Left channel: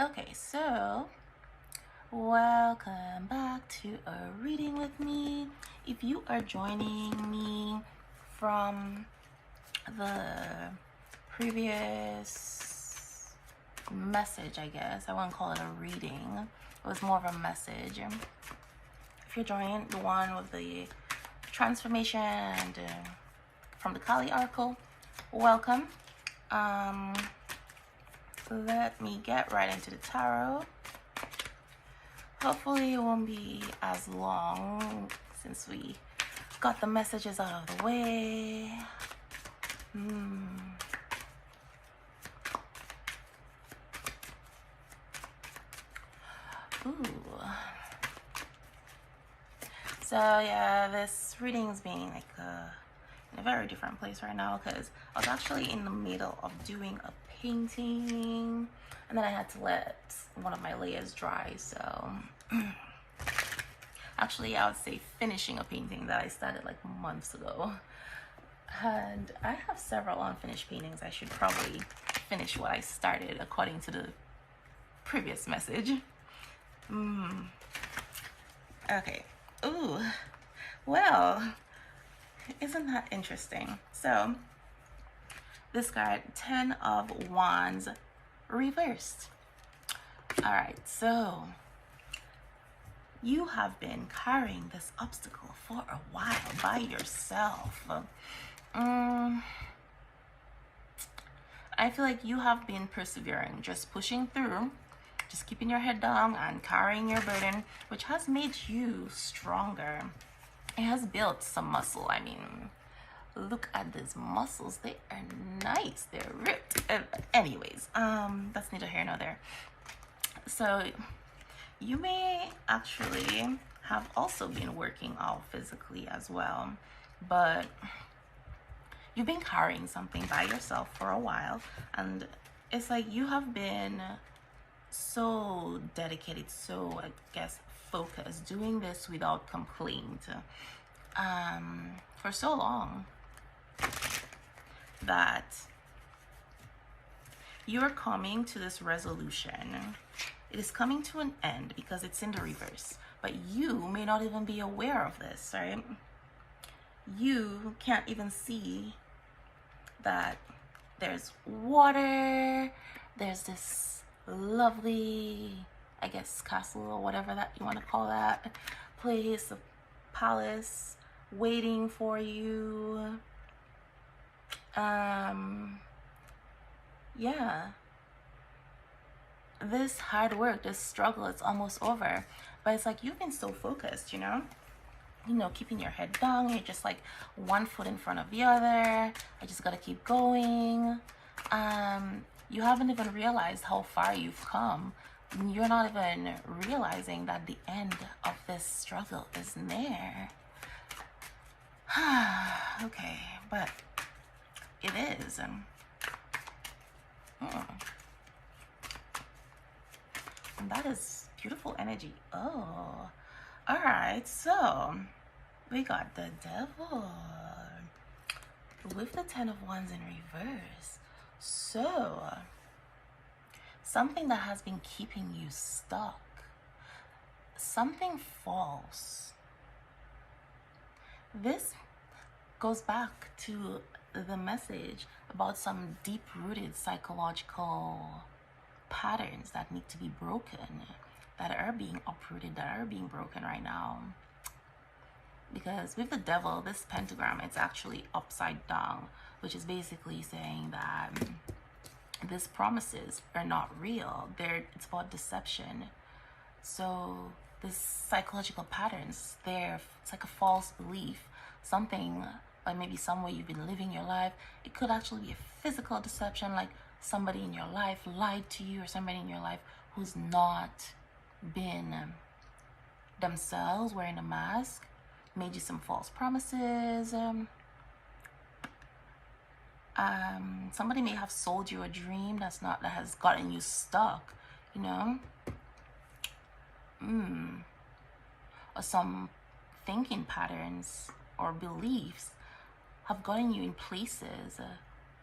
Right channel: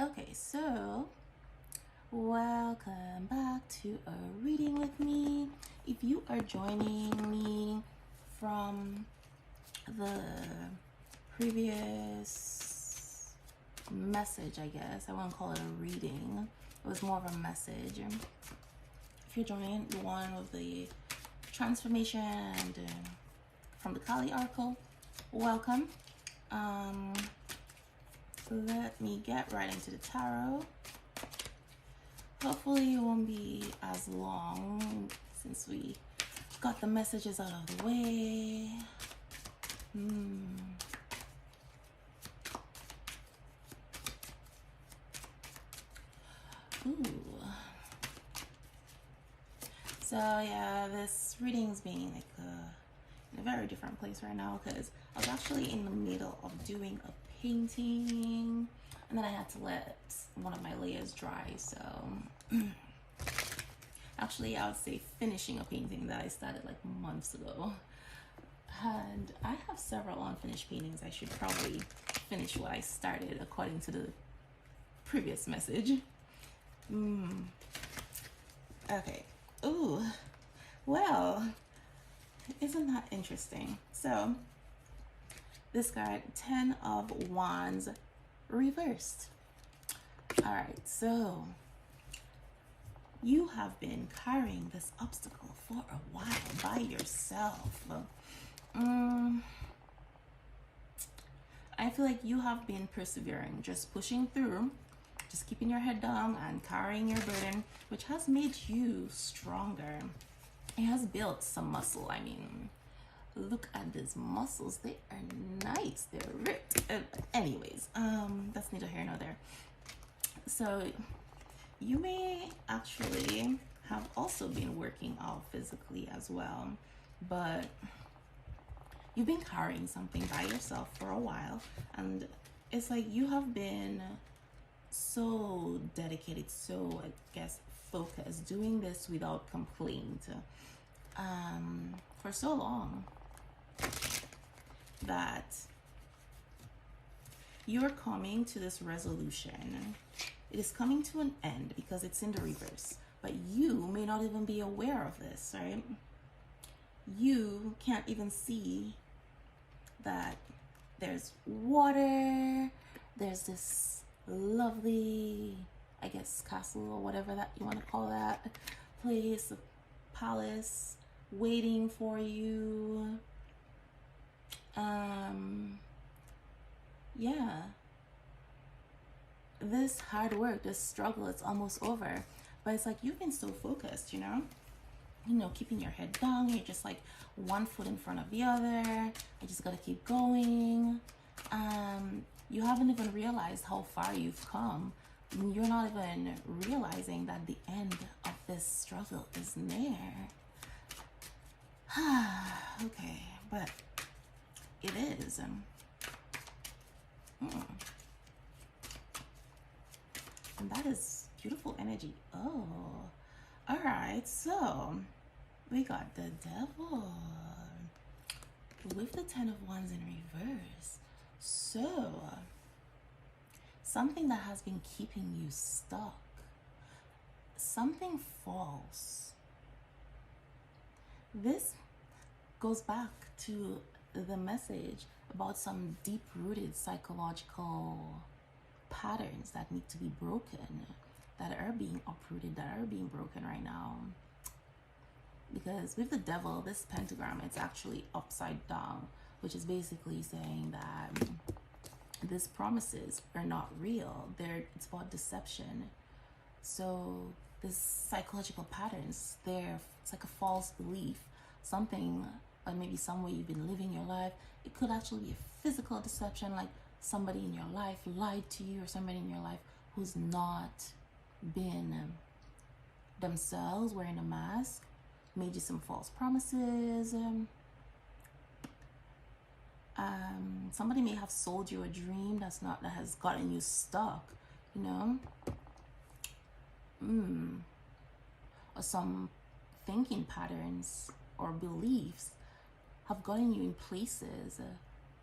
Okay, so welcome back to a reading with me. If you are joining me from the previous message, I guess I wouldn't call it a reading, it was more of a message. If you're joining the one with the transformation and from the Kali Oracle, welcome. Let me get right into the tarot. Hopefully it won't be as long since we got the messages out of the way. Ooh. So yeah, this reading is being like in a very different place right now because I was actually in the middle of doing a painting and then I had to let one of my layers dry. So actually I would say finishing a painting that I started like months ago, and I have several unfinished paintings. I should probably finish what I started according to the previous message. Okay. Ooh, well, isn't that interesting? So this card, 10 of Wands reversed. All right, so you have been carrying this obstacle for a while by yourself. I feel like you have been persevering, just pushing through, just keeping your head down and carrying your burden, which has made you stronger. It has built some muscle. I mean, look at these muscles. They are nice. They're ripped. Anyways, that's neither here nor there. So you may actually have also been working out physically as well, but you've been carrying something by yourself for a while, and it's like you have been so dedicated, so I guess focused, doing this without complaint for so long that you're coming to this resolution. It is coming to an end because it's in the reverse, but you may not even be aware of this, right? You can't even see that there's water, there's this lovely, I guess, castle or whatever that you want to call that place, a palace waiting for you. Yeah, this hard work, this struggle, it's almost over, but it's like you've been so focused, you know, keeping your head down. You're just like one foot in front of the other. I just gotta keep going. You haven't even realized how far you've come. You're not even realizing that the end of this struggle is near. Okay, but it is. And that is beautiful energy. Oh, all right. So we got the Devil with the 10 of Wands in reverse. So something that has been keeping you stuck, something false. This goes back to the message about some deep-rooted psychological patterns that need to be broken, that are being uprooted, that are being broken right now. Because with the Devil, this pentagram, it's actually upside down, which is basically saying that these promises are not real. It's about deception. So this psychological patterns, it's like a false belief, something, or maybe some way you've been living your life. It could actually be a physical deception, like somebody in your life lied to you, or somebody in your life who's not been themselves, wearing a mask, made you some false promises. Somebody may have sold you a dream that has gotten you stuck, you know, or some thinking patterns or beliefs have gotten you in places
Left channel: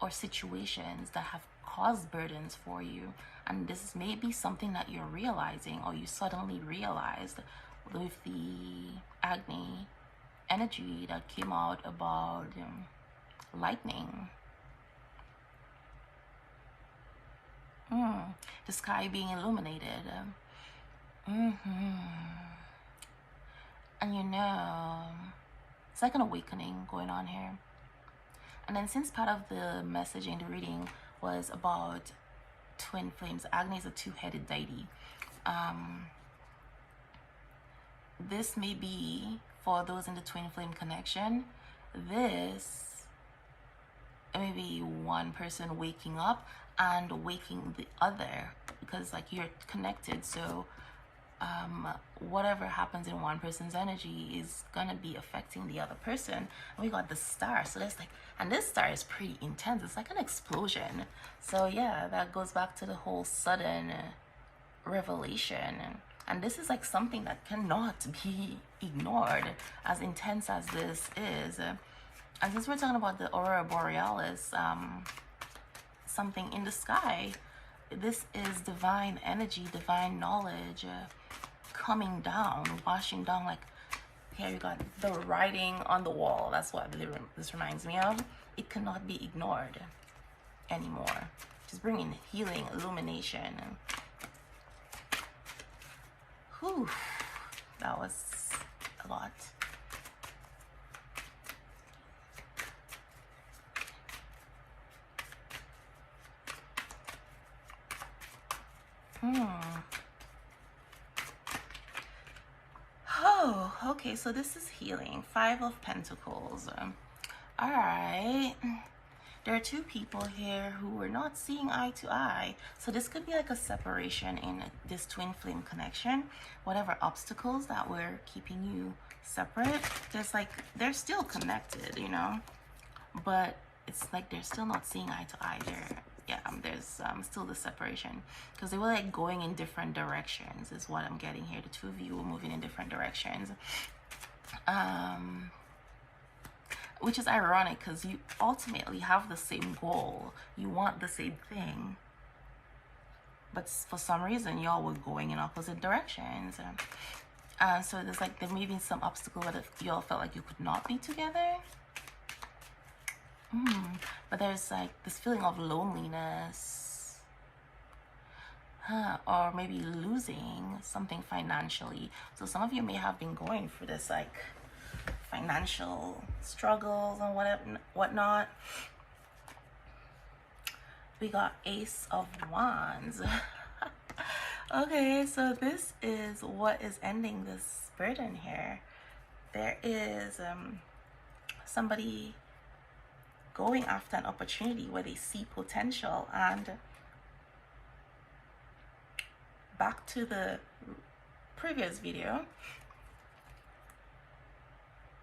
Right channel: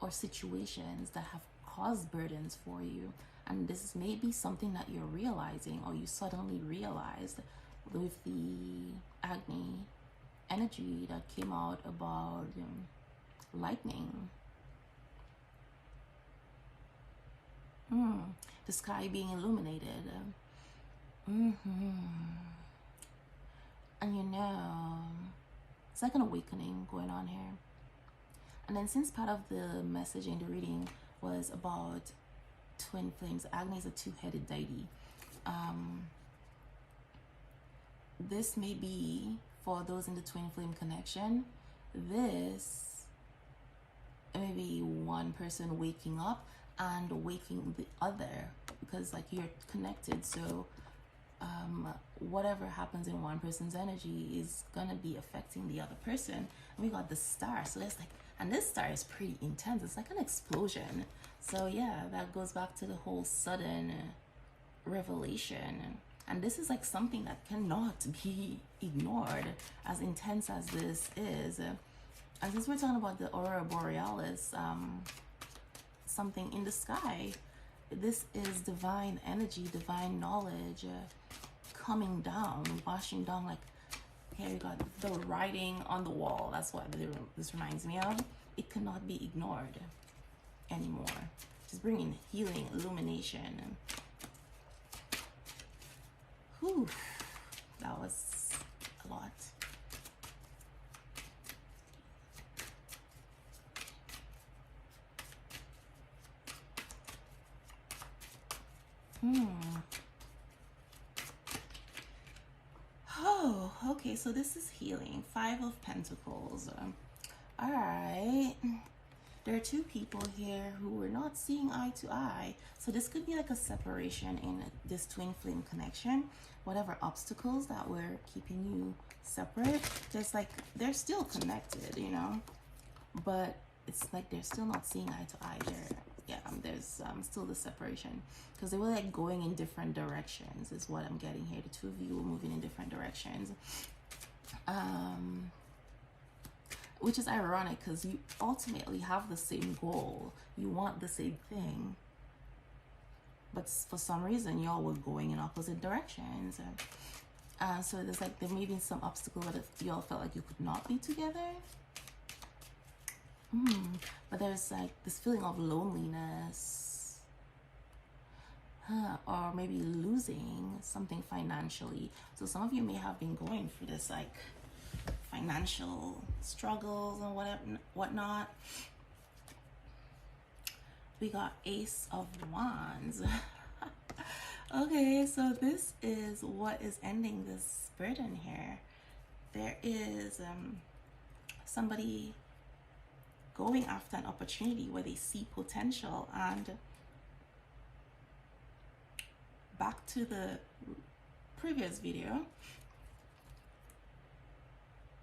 or situations that have caused burdens for you. And this is maybe something that you're realizing, or you suddenly realized with the Agni energy that came out about lightning. The sky being illuminated. And you know, it's like an awakening going on here. And then since part of the message in the reading was about twin flames, Agni is a two-headed deity. This may be, for those in the twin flame connection, this may be one person waking up and waking the other, because like you're connected. So whatever happens in one person's energy is gonna be affecting the other person. And we got the star, so that's like, and this star is pretty intense. It's like an explosion. So yeah, that goes back to the whole sudden revelation. And this is like something that cannot be ignored, as intense as this is. And since we're talking about the aurora borealis, something in the sky, this is divine energy, divine knowledge coming down, washing down. Like here you got the writing on the wall. That's what this reminds me of. It cannot be ignored anymore. Just bringing healing, illumination. Whew, that was a lot. Oh, okay, so this is healing. 5 of Pentacles. All right. There are two people here who were not seeing eye to eye. So this could be like a separation in this twin flame connection. Whatever obstacles that were keeping you separate, there's like, they're still connected, you know, but it's like they're still not seeing eye to eye. There's still the separation, because they were like going in different directions is what I'm getting here. The two of you were moving in different directions, which is ironic, because you ultimately have the same goal. You want the same thing, but for some reason y'all were going in opposite directions. So there's like, there may be some obstacle that y'all felt like you could not be together. But there's like this feeling of loneliness, or maybe losing something financially. So some of you may have been going through this like financial struggles and whatnot. We got Ace of Wands. Okay, so this is what is ending this burden here. There is somebody going after an opportunity where they see potential. And back to the previous video,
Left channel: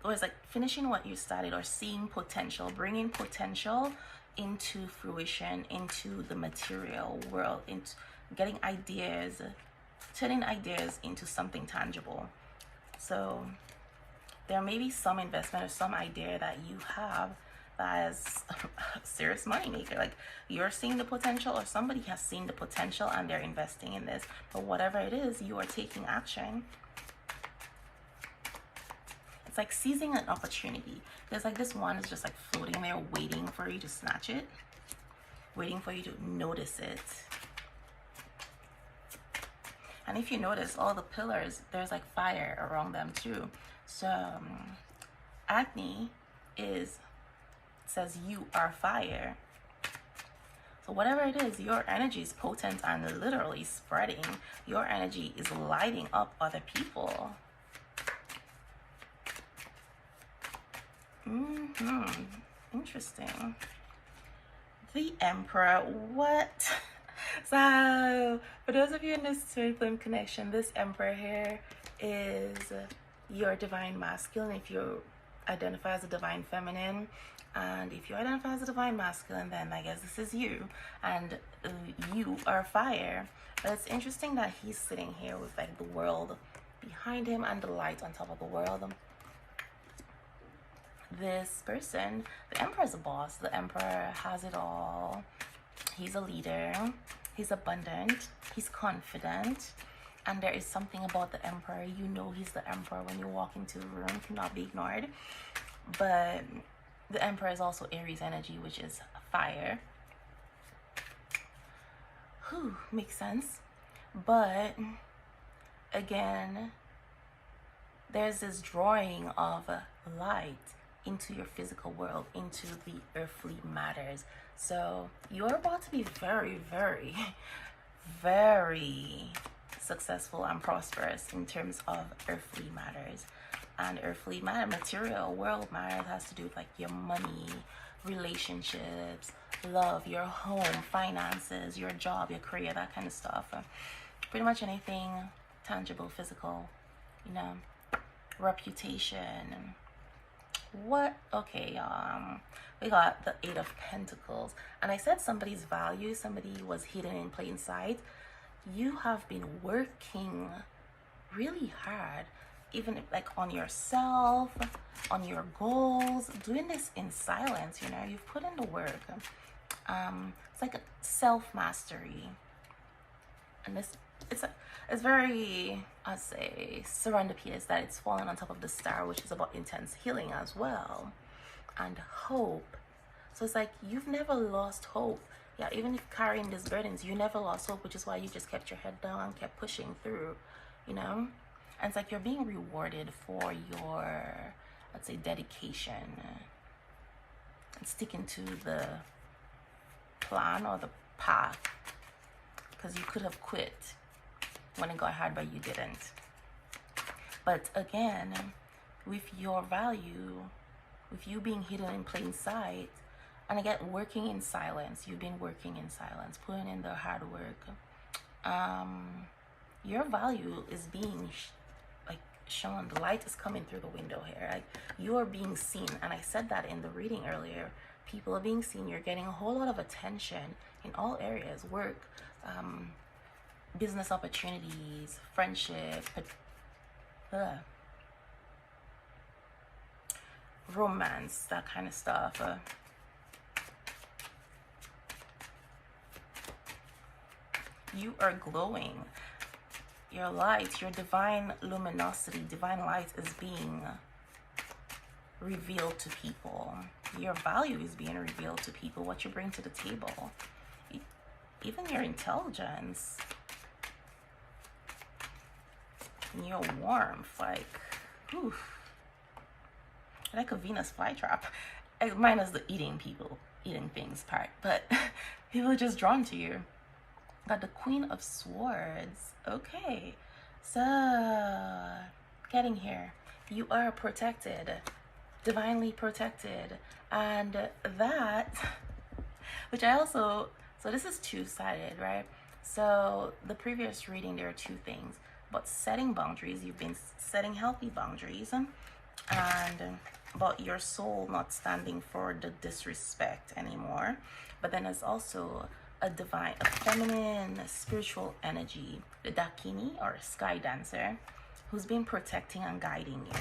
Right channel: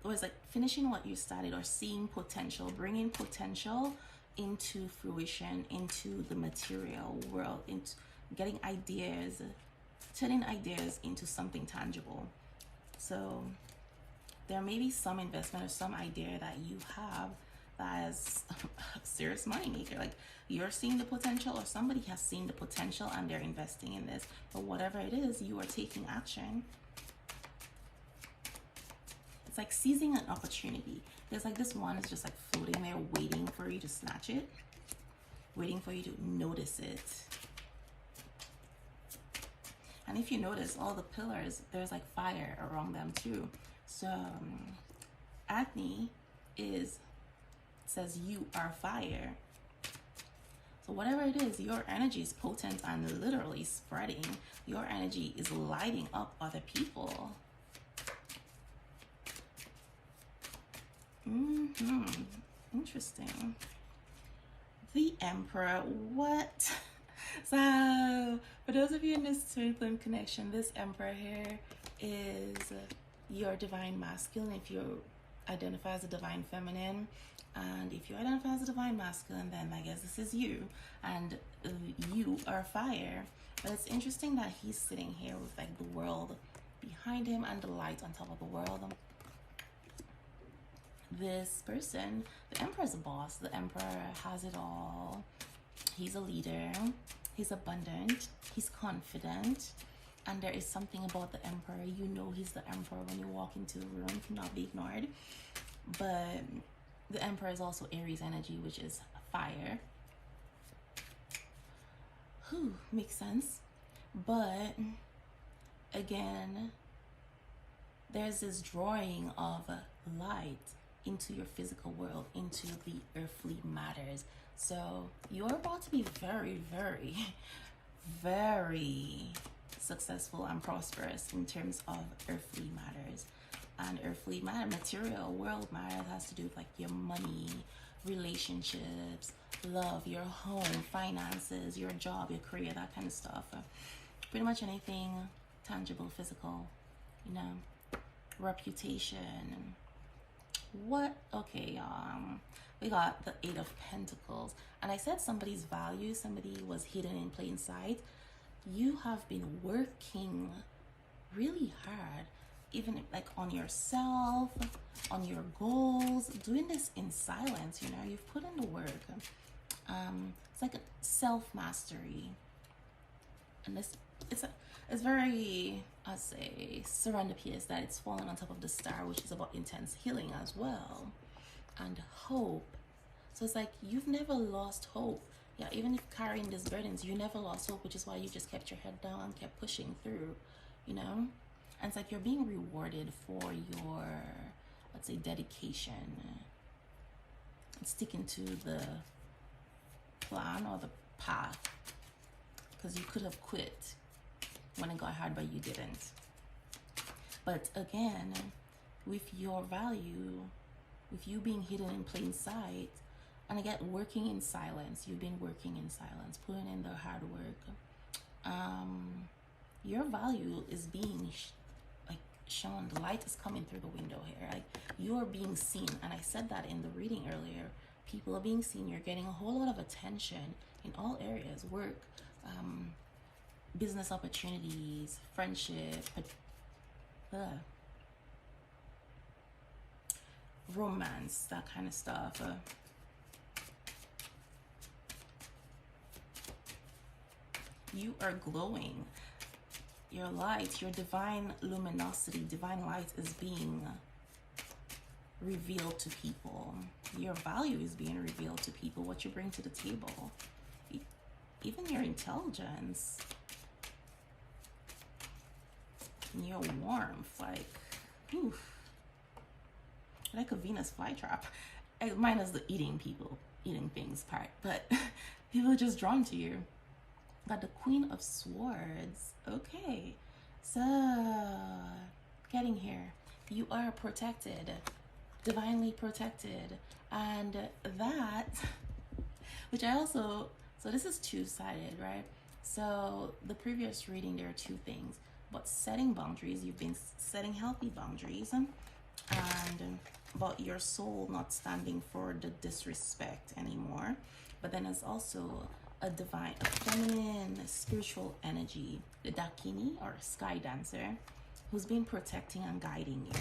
it was like finishing what you started, or seeing potential, bringing potential into fruition, into the material world, into getting ideas, turning ideas into something tangible. So there may be some investment or some idea that you have as a serious money maker. Like you're seeing the potential, or somebody has seen the potential and they're investing in this. But whatever it is, you are taking action. It's like seizing an opportunity. There's like this one is just like floating there, waiting for you to snatch it, waiting for you to notice it. And if you notice, all the pillars, there's like fire around them too. So Agni says you are fire. So whatever it is, your energy is potent and literally spreading. Your energy is lighting up other people. Interesting. The Emperor. What? So for those of you in this twin flame connection, this Emperor here is your divine masculine. If you identify as a divine feminine, and if you identify as a divine masculine, then I guess this is you, and you are fire. But it's interesting that he's sitting here with like the world behind him and the light on top of the world. This person, the Emperor, is a boss. The Emperor has it all. He's a leader. He's abundant, he's confident, and there is something about the Emperor. You know he's the Emperor when you walk into a room, cannot be ignored. But the Emperor is also Aries energy, which is fire. Whew, makes sense. But again, there's this drawing of light into your physical world, into the earthly matters. So you're about to be very, very, very successful and prosperous in terms of earthly matters. And earthly matter, material world matter, has to do with like your money, relationships, love, your home, finances, your job, your career, that kind of stuff. Pretty much anything tangible, physical, you know, reputation. What? Okay, we got the Eight of Pentacles, and I said somebody's value, somebody was hidden in plain sight. You have been working really hard, even if, like, on yourself, on your goals, doing this in silence. You know, you've put in the work. It's like a self-mastery, and this it's very, I'd say, serendipitous that it's fallen on top of the star, which is about intense healing as well, and hope. So it's like you've never lost hope. Yeah, even if carrying these burdens, you never lost hope, which is why you just kept your head down and kept pushing through, you know. And it's like you're being rewarded for your, let's say, dedication and sticking to the plan or the path, because you could have quit when it got hard, but you didn't. But again, with your value, with you being hidden in plain sight, and again, working in silence, you've been working in silence, putting in the hard work. Your value is being shown. The light is coming through the window here. Like, you are being seen, and I said that in the reading earlier. People are being seen. You're getting a whole lot of attention in all areas: work, business opportunities, friendship, romance, that kind of stuff. You are glowing. Your light, your divine luminosity, divine light is being revealed to people. Your value is being revealed to people, what you bring to the table. Even your intelligence, your warmth, like, oof, like a Venus flytrap. Minus the eating things part, but people are just drawn to you. Got the Queen of Swords. Okay, so getting here, you are protected, divinely protected, and that, which I also, so this is two-sided, right? So the previous reading, there are two things, but setting boundaries, you've been setting healthy boundaries, and about your soul not standing for the disrespect anymore. But then there's also a feminine spiritual energy, the Dakini or sky dancer, who's been protecting and guiding you.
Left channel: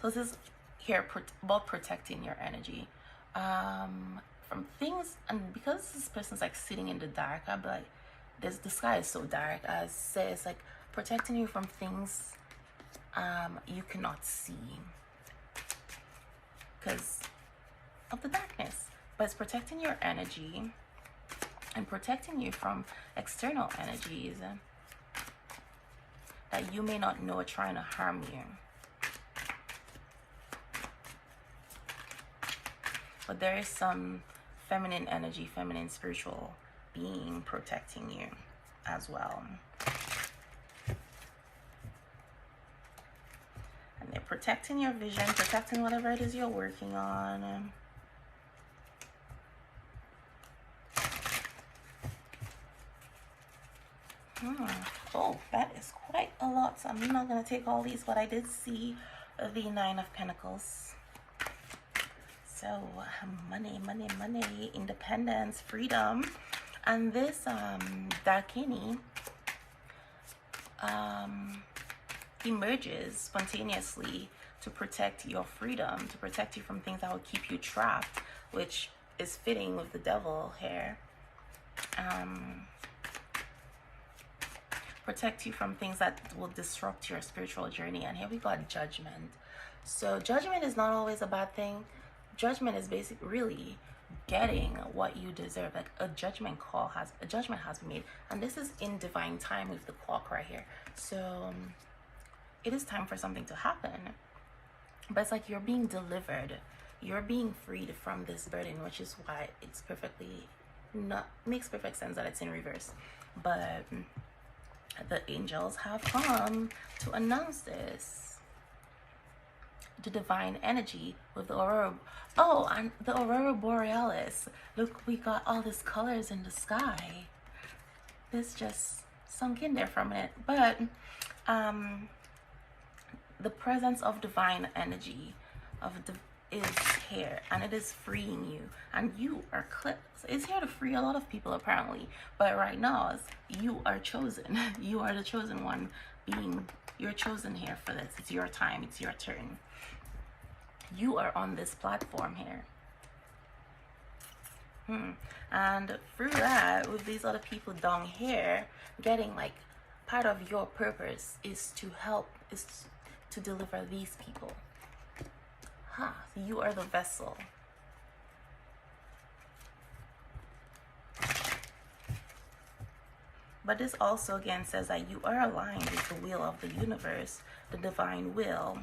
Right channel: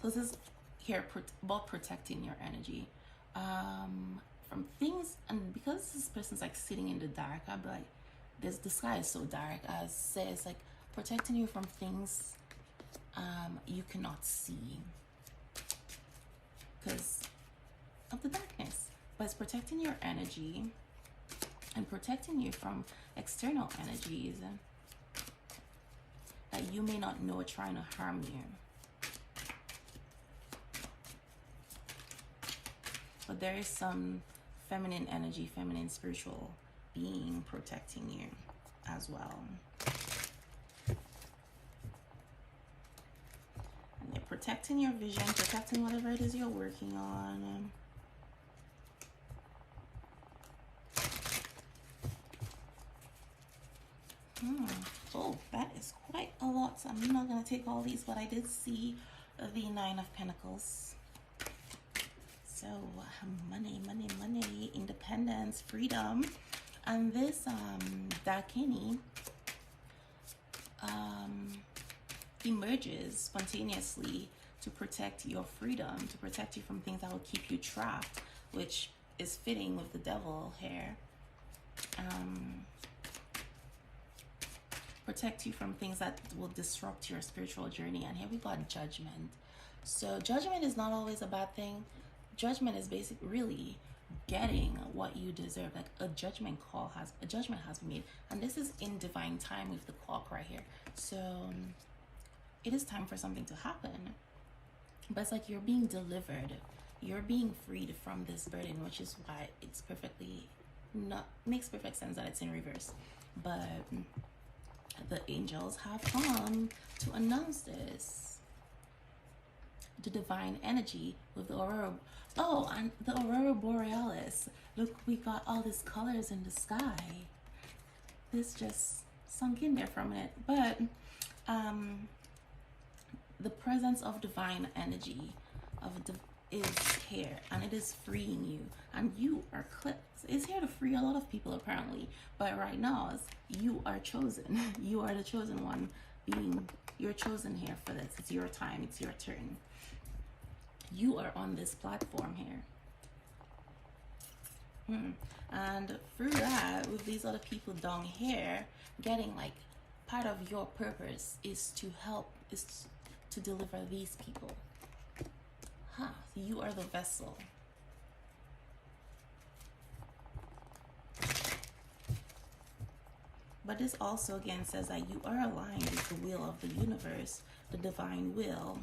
So this is here about protecting your energy from things, and because this person's like sitting in the dark, I'm like, the sky is so dark. I say it's like protecting you from things you cannot see because of the darkness. But it's protecting your energy and protecting you from external energies that you may not know are trying to harm you. But there is some feminine energy, feminine spiritual being protecting you as well. And they're protecting your vision, protecting whatever it is you're working on. Oh, that is quite a lot. So I'm not going to take all these, but I did see the Nine of Pentacles. So money, money, money, independence, freedom. And this Dakini emerges spontaneously to protect your freedom, to protect you from things that will keep you trapped, which is fitting with the devil here. Protect you from things that will disrupt your spiritual journey. And here we got judgment. So judgment is not always a bad thing. Judgment is basically really getting what you deserve. Like a judgment has been made, and this is in divine time with the clock right here. So it is time for something to happen, but it's like you're being delivered, you're being freed from this burden, which is why it's makes perfect sense that it's in reverse. But the angels have come to announce this. The divine energy with the aurora. Oh, and the aurora borealis. Look, we got all these colors in the sky. This just sunk in there for a minute. But the presence of divine energy is here, and it is freeing you, and you are it's here to free a lot of people apparently. But right now, you are chosen. You are the chosen one. You're chosen here for this. It's your time. It's your turn. You are on this platform here. And through that, with these other people down here, getting like part of your purpose is to deliver these people. You are the vessel. But this also again says that you are aligned with the will of the universe, the divine will.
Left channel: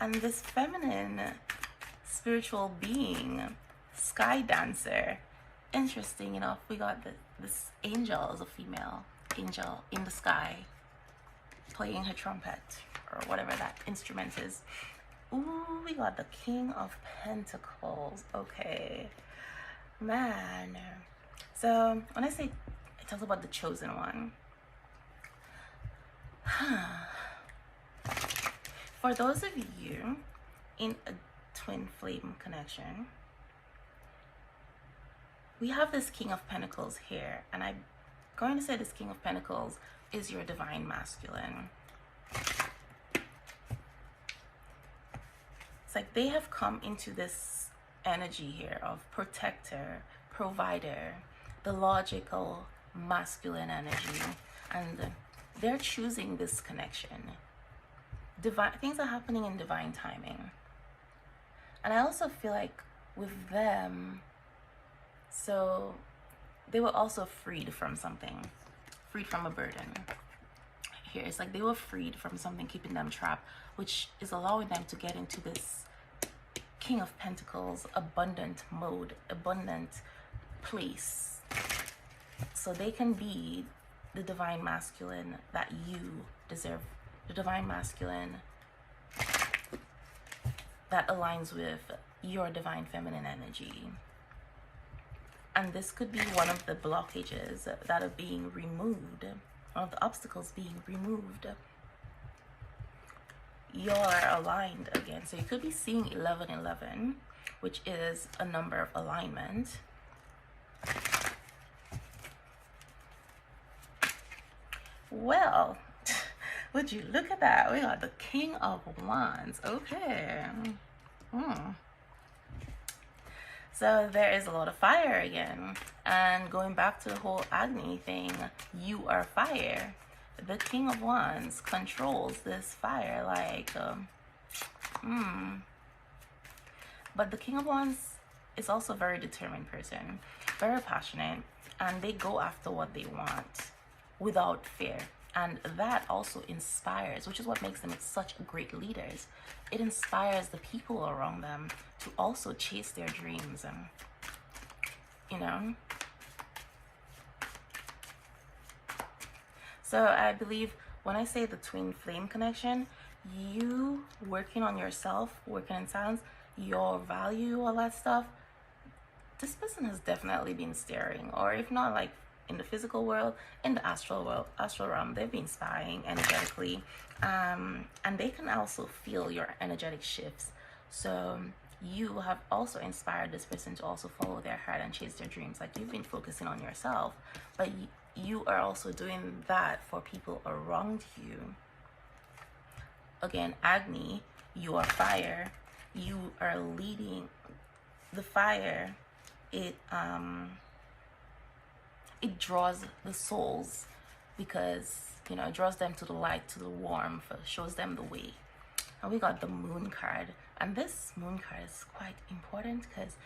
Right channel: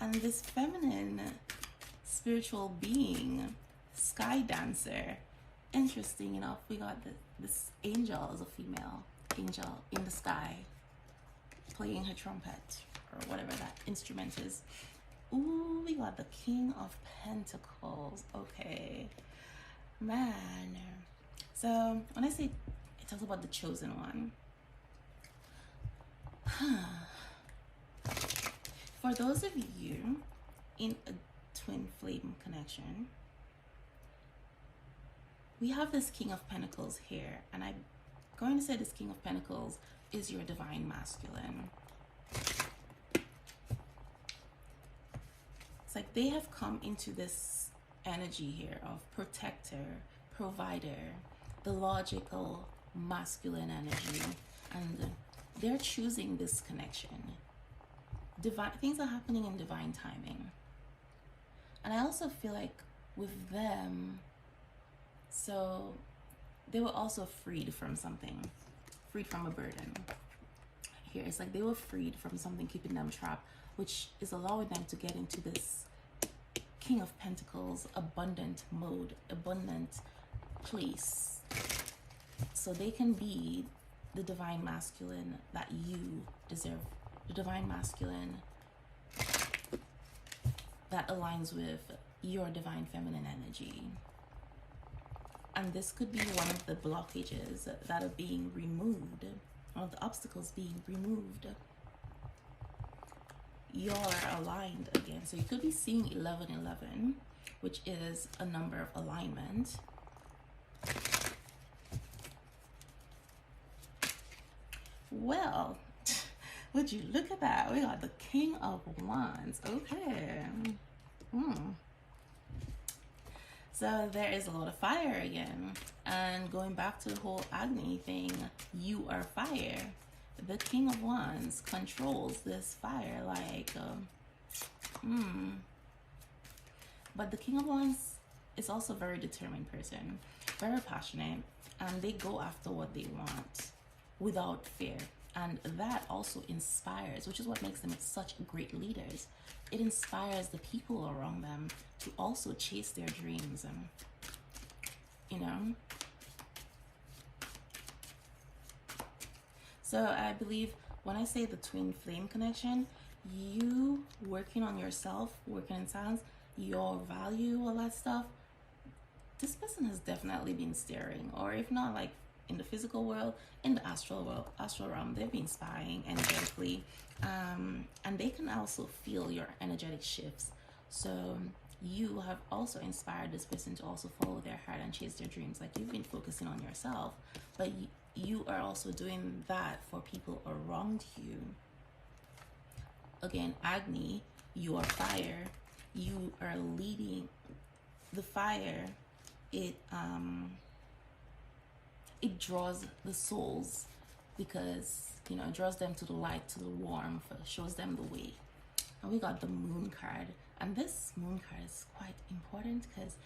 And this feminine spiritual being, sky dancer, interesting enough, we got this angel is a female angel in the sky playing her trumpet or whatever that instrument is. Ooh, we got the King of Pentacles. Okay, man. So when I say it talks about the chosen one, for those of you in a twin flame connection, we have this King of Pentacles here, and I'm going to say this King of Pentacles is your divine masculine. It's like they have come into this energy here of protector, provider, the logical masculine energy, and they're choosing this connection. Divine things are happening in divine timing. And I also feel like with them, so they were also freed from something, freed from a burden. Here it's like they were freed from something keeping them trapped, which is allowing them to get into this King of Pentacles abundant mode, abundant place, so they can be the divine masculine that you deserve, the divine masculine that aligns with your divine feminine energy. And this could be one of the blockages that are being removed, one of the obstacles being removed. You're aligned again. So you could be seeing 1111, which is a number of alignment. Well, would you look at that? We got the King of Wands. Okay. So there is a lot of fire again. And going back to the whole Agni thing, you are fire. The King of Wands controls this fire, like, But the King of Wands is also a very determined person, very passionate, and they go after what they want without fear. And that also inspires, which is what makes them such great leaders. It inspires the people around them to also chase their dreams, and, you know. So I believe when I say the twin flame connection, you working on yourself, working in silence, your value, all that stuff, this person has definitely been staring, or if not like in the physical world, in the astral world, astral realm, they've been spying energetically, and they can also feel your energetic shifts. So you have also inspired this person to also follow their heart and chase their dreams. Like, you've been focusing on yourself, but you are also doing that for people around you. Again, Agni, you are fire. You are leading the fire. It draws the souls, because it draws them to the light, to the warmth, shows them the way. And we got the moon card, and this moon card is quite important because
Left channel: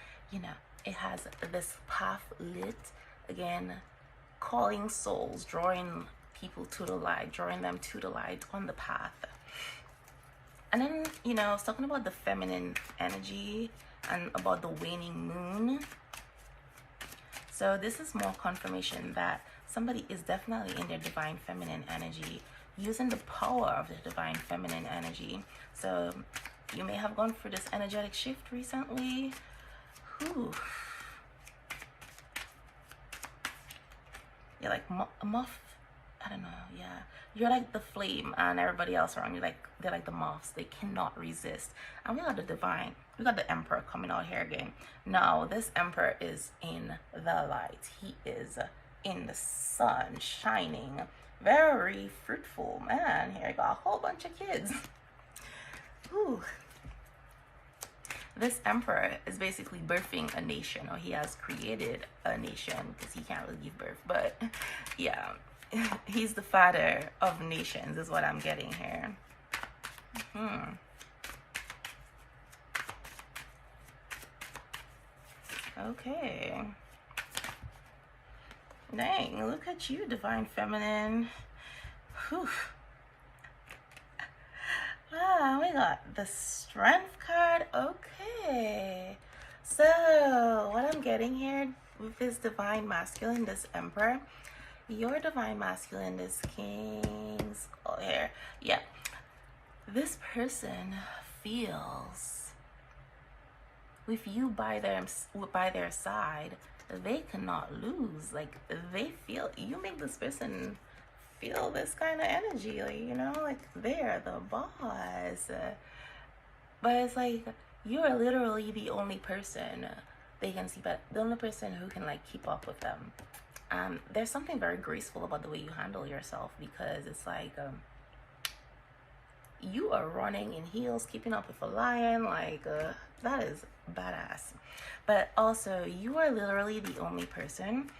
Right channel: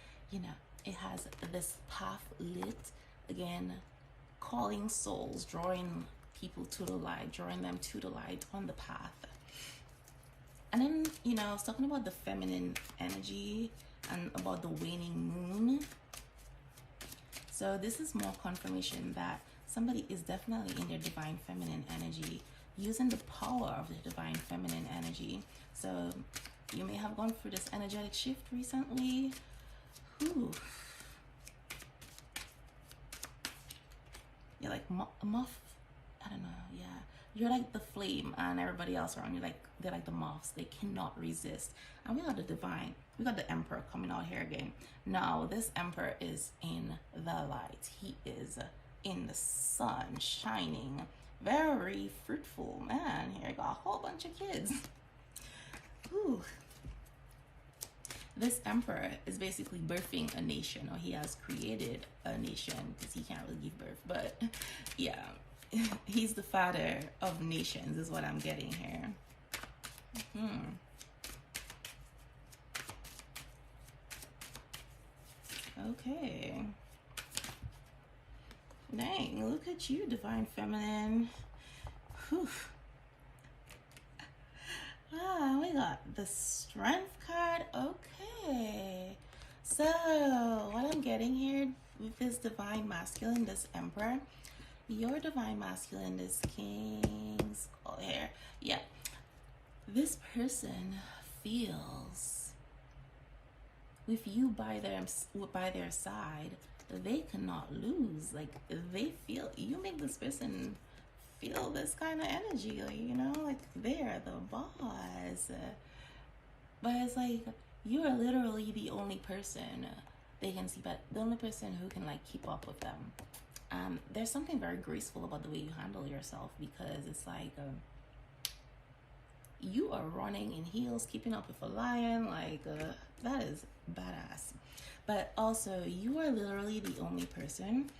it has this path lit, again, calling souls, drawing people to the light, drawing them to the light on the path. And then it's talking about the feminine energy and about the waning moon. So this is more confirmation that somebody is definitely in their divine feminine energy, using the power of the divine feminine energy. So you may have gone through this energetic shift recently. Whew. You're like a moth. I don't know. Yeah. You're like the flame, and everybody else around you, they're like the moths. They cannot resist. And we got the divine. We got the emperor coming out here again. Now, this emperor is in the light. He is in the sun, shining. Very fruitful man. Here, I got a whole bunch of kids. Ooh. This emperor is basically birthing a nation, or he has created a nation, because he can't really give birth. But yeah, he's the father of nations is what I'm getting here. Okay. Dang, look at you, divine feminine. Whew. Ah, we got the strength card. Okay. So, what I'm getting here with this divine masculine, this emperor, your divine masculine, this king's here. Yeah. This person feels, with you by their side, they cannot lose. Like, they feel, you make this person feel this kind of energy, like they're the boss. But it's like, you are literally the only person they can see, but the only person who can keep up with them. There's something very graceful about the way you handle yourself, because it's like, you are running in heels, keeping up with a lion. That is badass. But also, you are literally the only person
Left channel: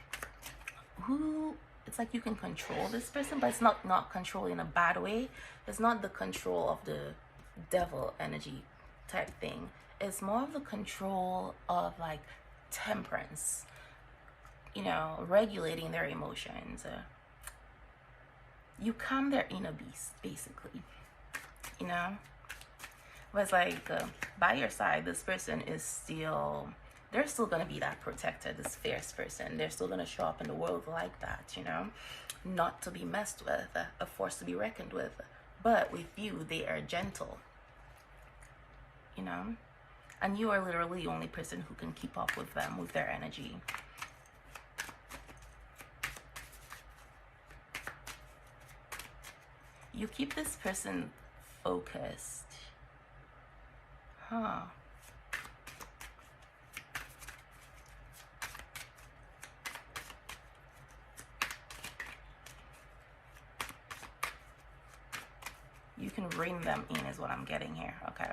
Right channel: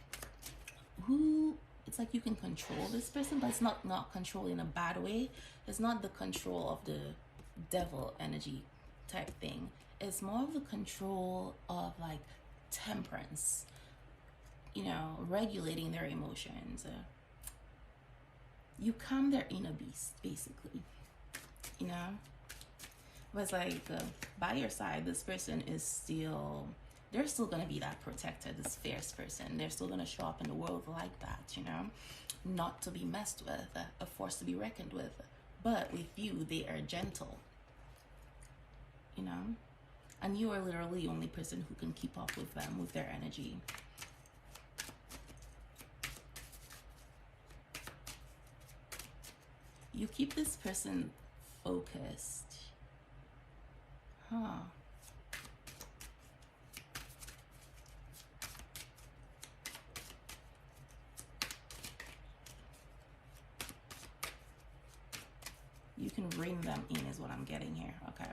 who, it's like you can control this person, but it's not control in a bad way. It's not the control of the devil energy type thing. It's more of the control of temperance, regulating their emotions. You calm their inner beast, basically. But it's like, by your side, this person is still, they're still going to be that protector, this fierce person. They're still going to show up in the world like that, not to be messed with, a force to be reckoned with. But with you, they are gentle, and you are literally the only person who can keep up with them, with their energy. You keep this person focused. Huh. You can bring them in is what I'm getting here. Okay.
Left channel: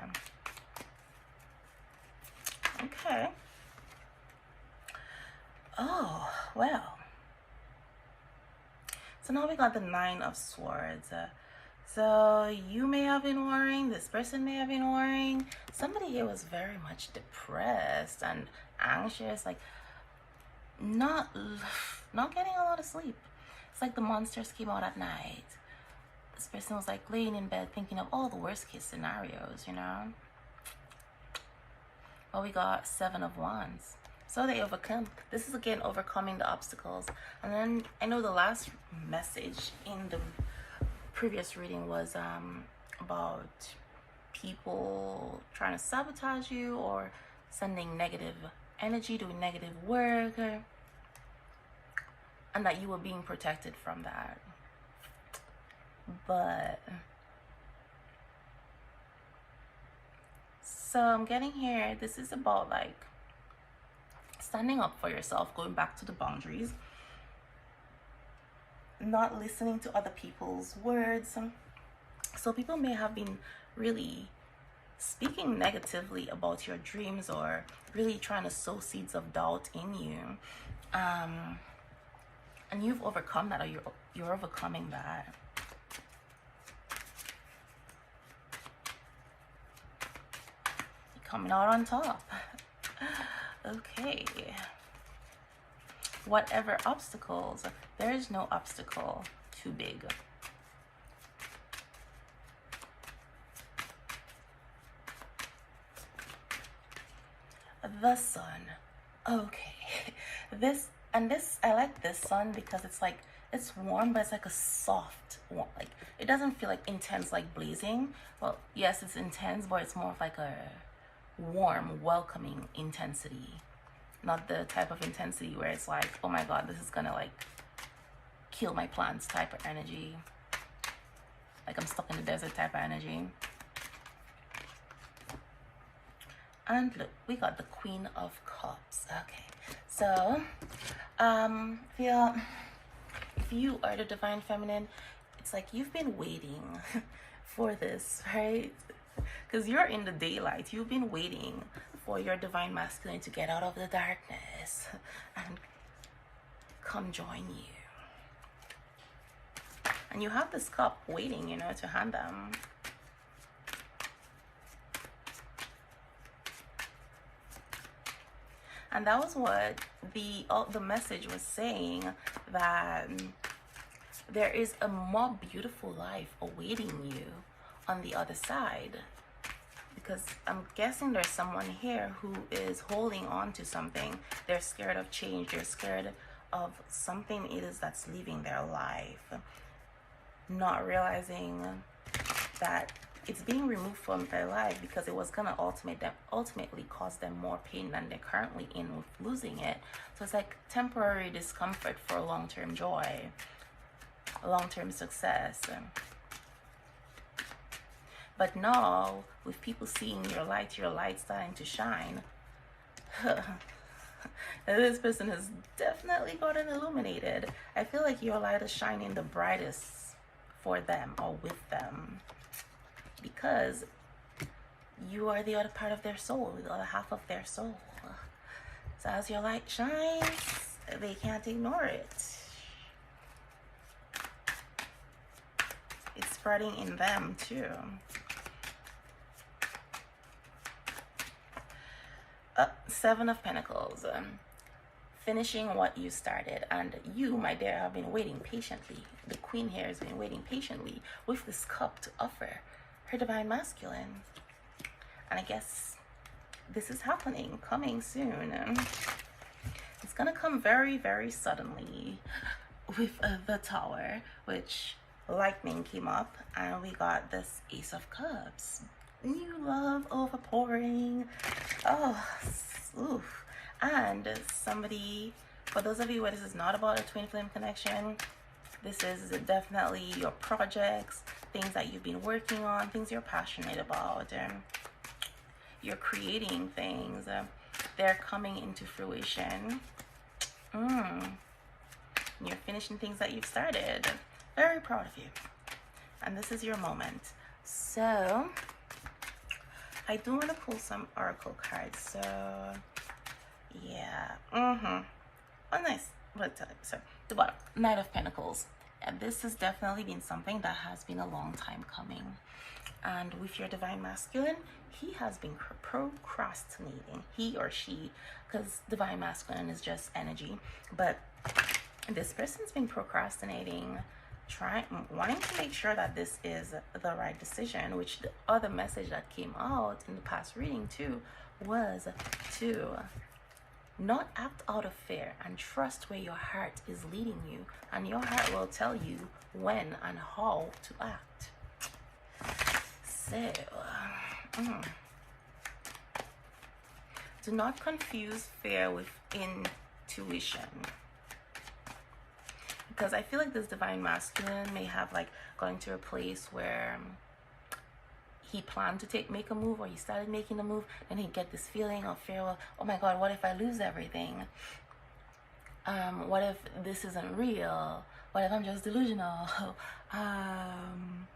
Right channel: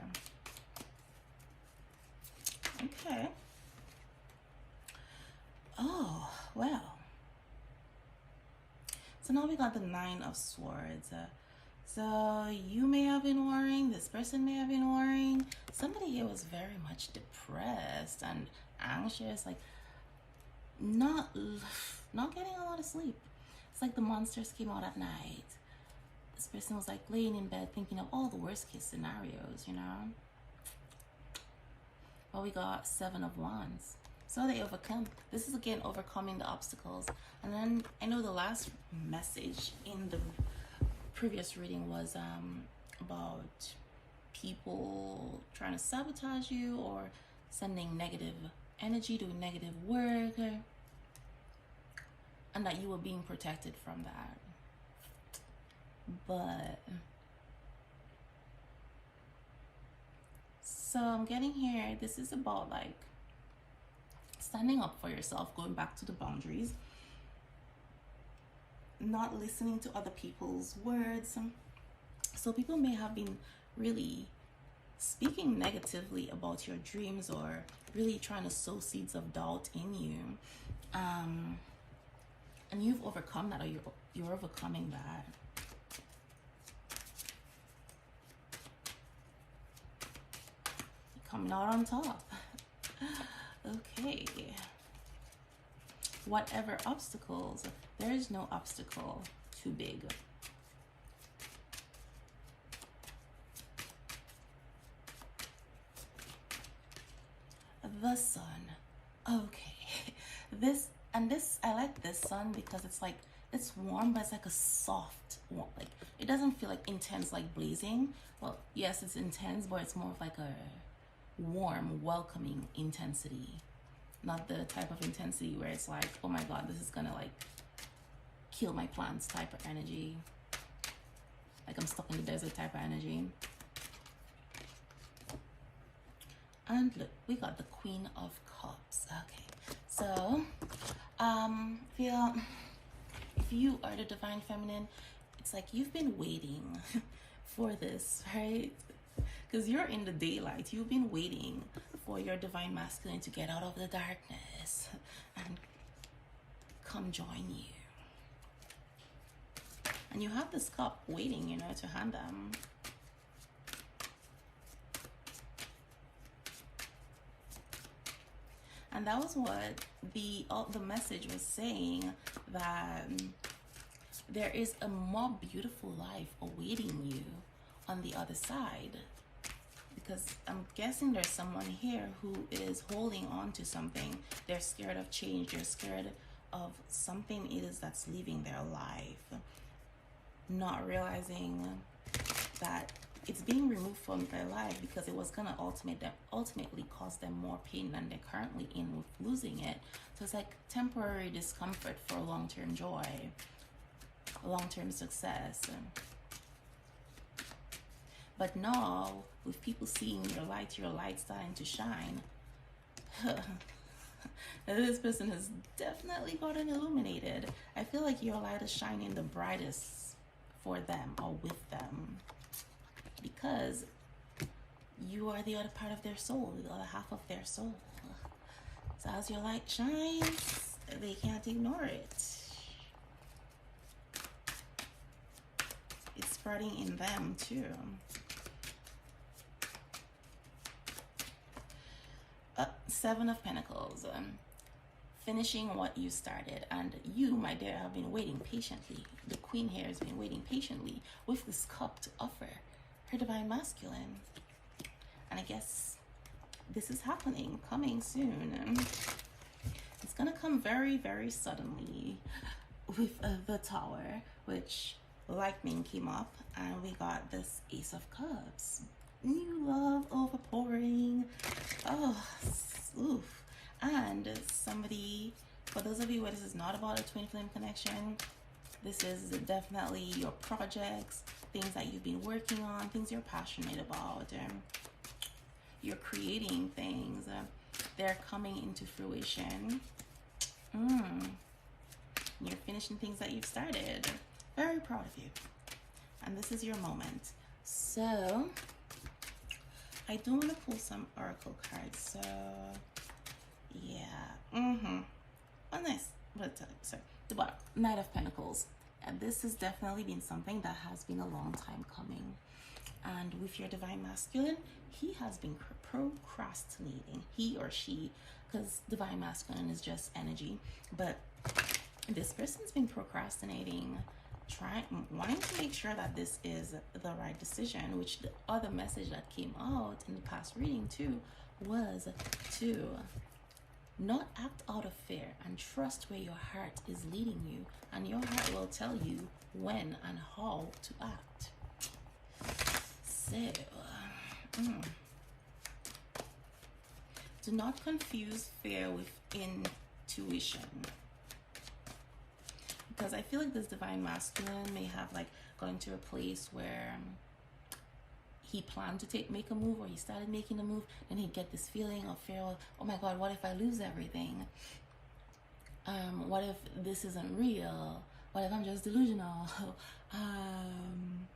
Okay. Oh, well. So now we got the 9 of Swords. So you may have been worrying, this person may have been worrying. Somebody here was very much depressed and anxious, not getting a lot of sleep. It's like the monsters came out at night. This person was laying in bed thinking of all the worst case scenarios, Well, we got 7 of Wands. So they overcome. This is again overcoming the obstacles. And then I know the last message in the previous reading was about people trying to sabotage you or sending negative energy, doing negative work, and that you were being protected from that. But so I'm getting here, this is about standing up for yourself, going back to the boundaries. not listening to other people's words. So people may have been really speaking negatively about your dreams, or really trying to sow seeds of doubt in you. And you've overcome that, or you're overcoming that. Coming out on top. Okay. Whatever obstacles, there is no obstacle too big. The sun. Okay. I like this sun because it's like, it's warm, but it's like a soft warm. Like, it doesn't feel like intense, like blazing. Well, yes, it's intense, but it's more of like a warm, welcoming intensity. Not the type of intensity where it's like, oh my God, this is gonna like kill my plants type of energy. Like I'm stuck in the desert type of energy. And look, we got the Queen of Cups. Okay, so if you are the Divine Feminine, it's like you've been waiting for this, right? Because you're in the daylight. You've been waiting for your Divine Masculine to get out of the darkness and come join you. And you have this cup waiting, you know, to hand them. And that was what the message was saying, that there is a more beautiful life awaiting you on the other side. Because I'm guessing there's someone here who is holding on to something. They're scared of change. They're scared of something it is that's leaving their life. Not realizing that it's being removed from their life because it was going to ultimately cause them more pain than they're currently in with losing it. So it's like temporary discomfort for long-term joy, long-term success. But now, with people seeing your light starting to shine, this person has definitely gotten illuminated. I feel like your light is shining the brightest for them or with them, because you are the other part of their soul, the other half of their soul. So as your light shines, they can't ignore it. It's spreading in them too. Seven of Pentacles. Finishing what you started, and you, my dear, have been waiting patiently. The Queen here has been waiting patiently with this cup to offer her Divine Masculine. And I guess this is happening, coming soon. It's gonna come very, very suddenly with the Tower, which lightning came up, and we got this Ace of Cups. You love overpouring. Oh, oof. And somebody, for those of you where this is not about a twin flame connection, this is definitely your projects, things that you've been working on, things you're passionate about. You're creating things. They're coming into fruition. You're finishing things that you've started. Very proud of you. And this is your moment. So, I do want to pull some oracle cards. So, yeah. Oh, nice. So, the bottom, Knight of Pentacles. And this has definitely been something that has been a long time coming. And with your Divine Masculine, he has been procrastinating. He or she, because Divine Masculine is just energy. But this person's been procrastinating, wanting to make sure that this is the right decision, which the other message that came out in the past reading too was to not act out of fear and trust where your heart is leading you, and your heart will tell you when and how to act. So do not confuse fear with intuition, because I feel like this Divine Masculine may have like gone to a place where he planned to make a move, or he started making a move, and he'd get this feeling of fear. Well, oh my God, what if I lose everything? What if this isn't real? What if I'm just delusional? um,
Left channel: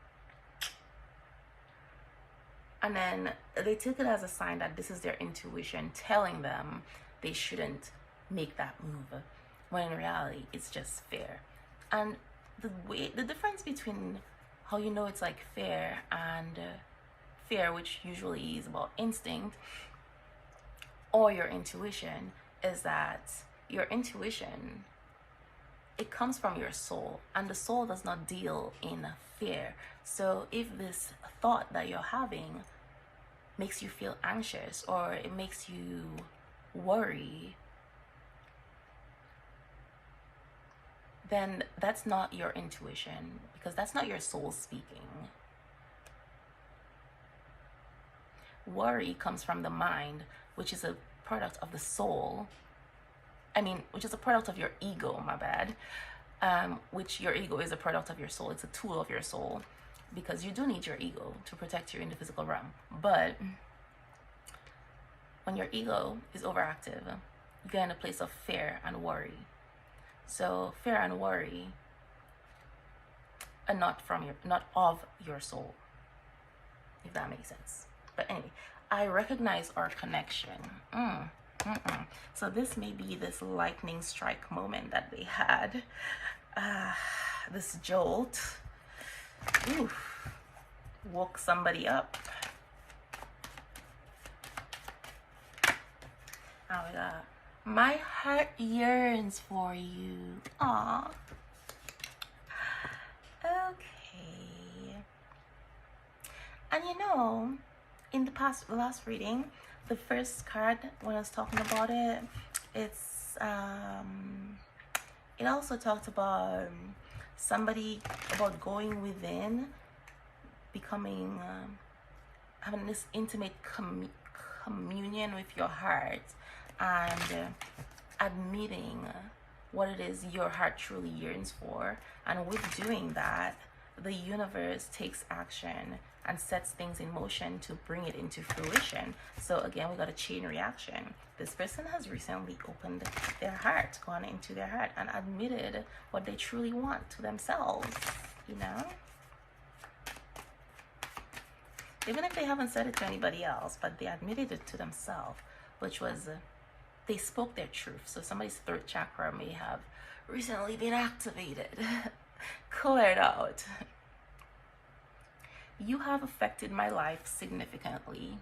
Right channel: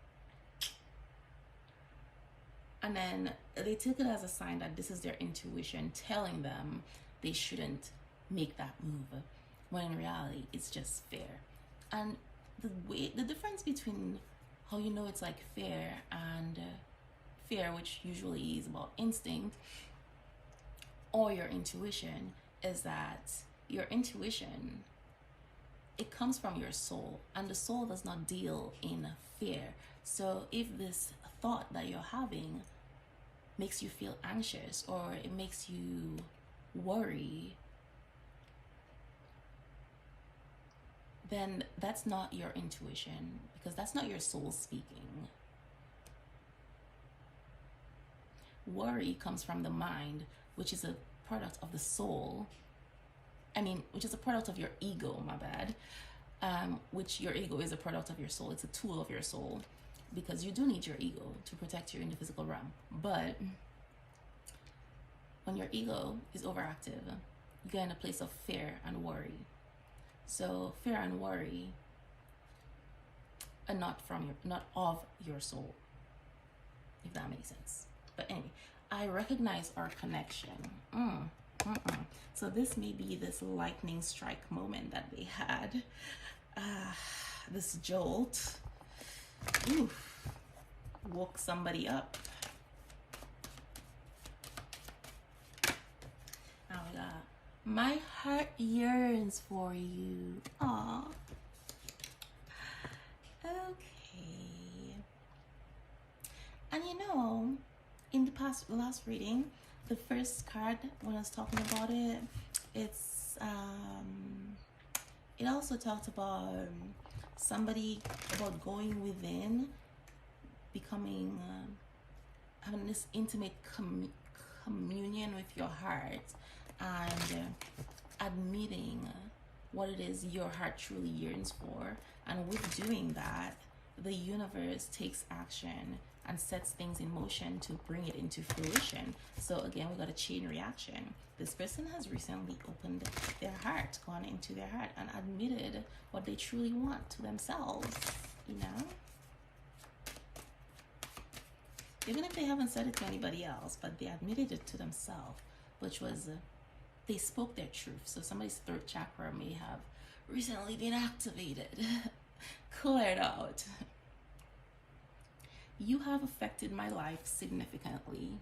and then they took it as a sign that this is their intuition telling them they shouldn't make that move, when in reality it's just fear. And the difference between how you know it's like fear and fear, which usually is about instinct, or your intuition, is that your intuition, it comes from your soul, and the soul does not deal in fear. So if this thought that you're having makes you feel anxious, or it makes you worry, then that's not your intuition, because that's not your soul speaking. Worry comes from the mind, which is a product of the soul. Which is a product of your ego, my bad. Which your ego is a product of your soul. It's a tool of your soul, because you do need your ego to protect you in the physical realm. But when your ego is overactive, you get in a place of fear and worry. So fear and worry are not of your soul, if that makes sense. But anyway, I recognize our connection. So this may be this lightning strike moment that they had. This jolt. Woke somebody up. Oh my God. My heart yearns for you. Aw. Okay. And in the last reading, the first card, when I was talking about it, it also talked about about going within, becoming, having this intimate communion with your heart, and admitting what it is your heart truly yearns for. And with doing that, the universe takes action and sets things in motion to bring it into fruition. So again, we got a chain reaction. This person has recently opened their heart, gone into their heart, and admitted what they truly want to themselves, Even if they haven't said it to anybody else, but they admitted it to themselves, which was they spoke their truth. So somebody's throat chakra may have recently been activated, cleared out. You have affected my life significantly.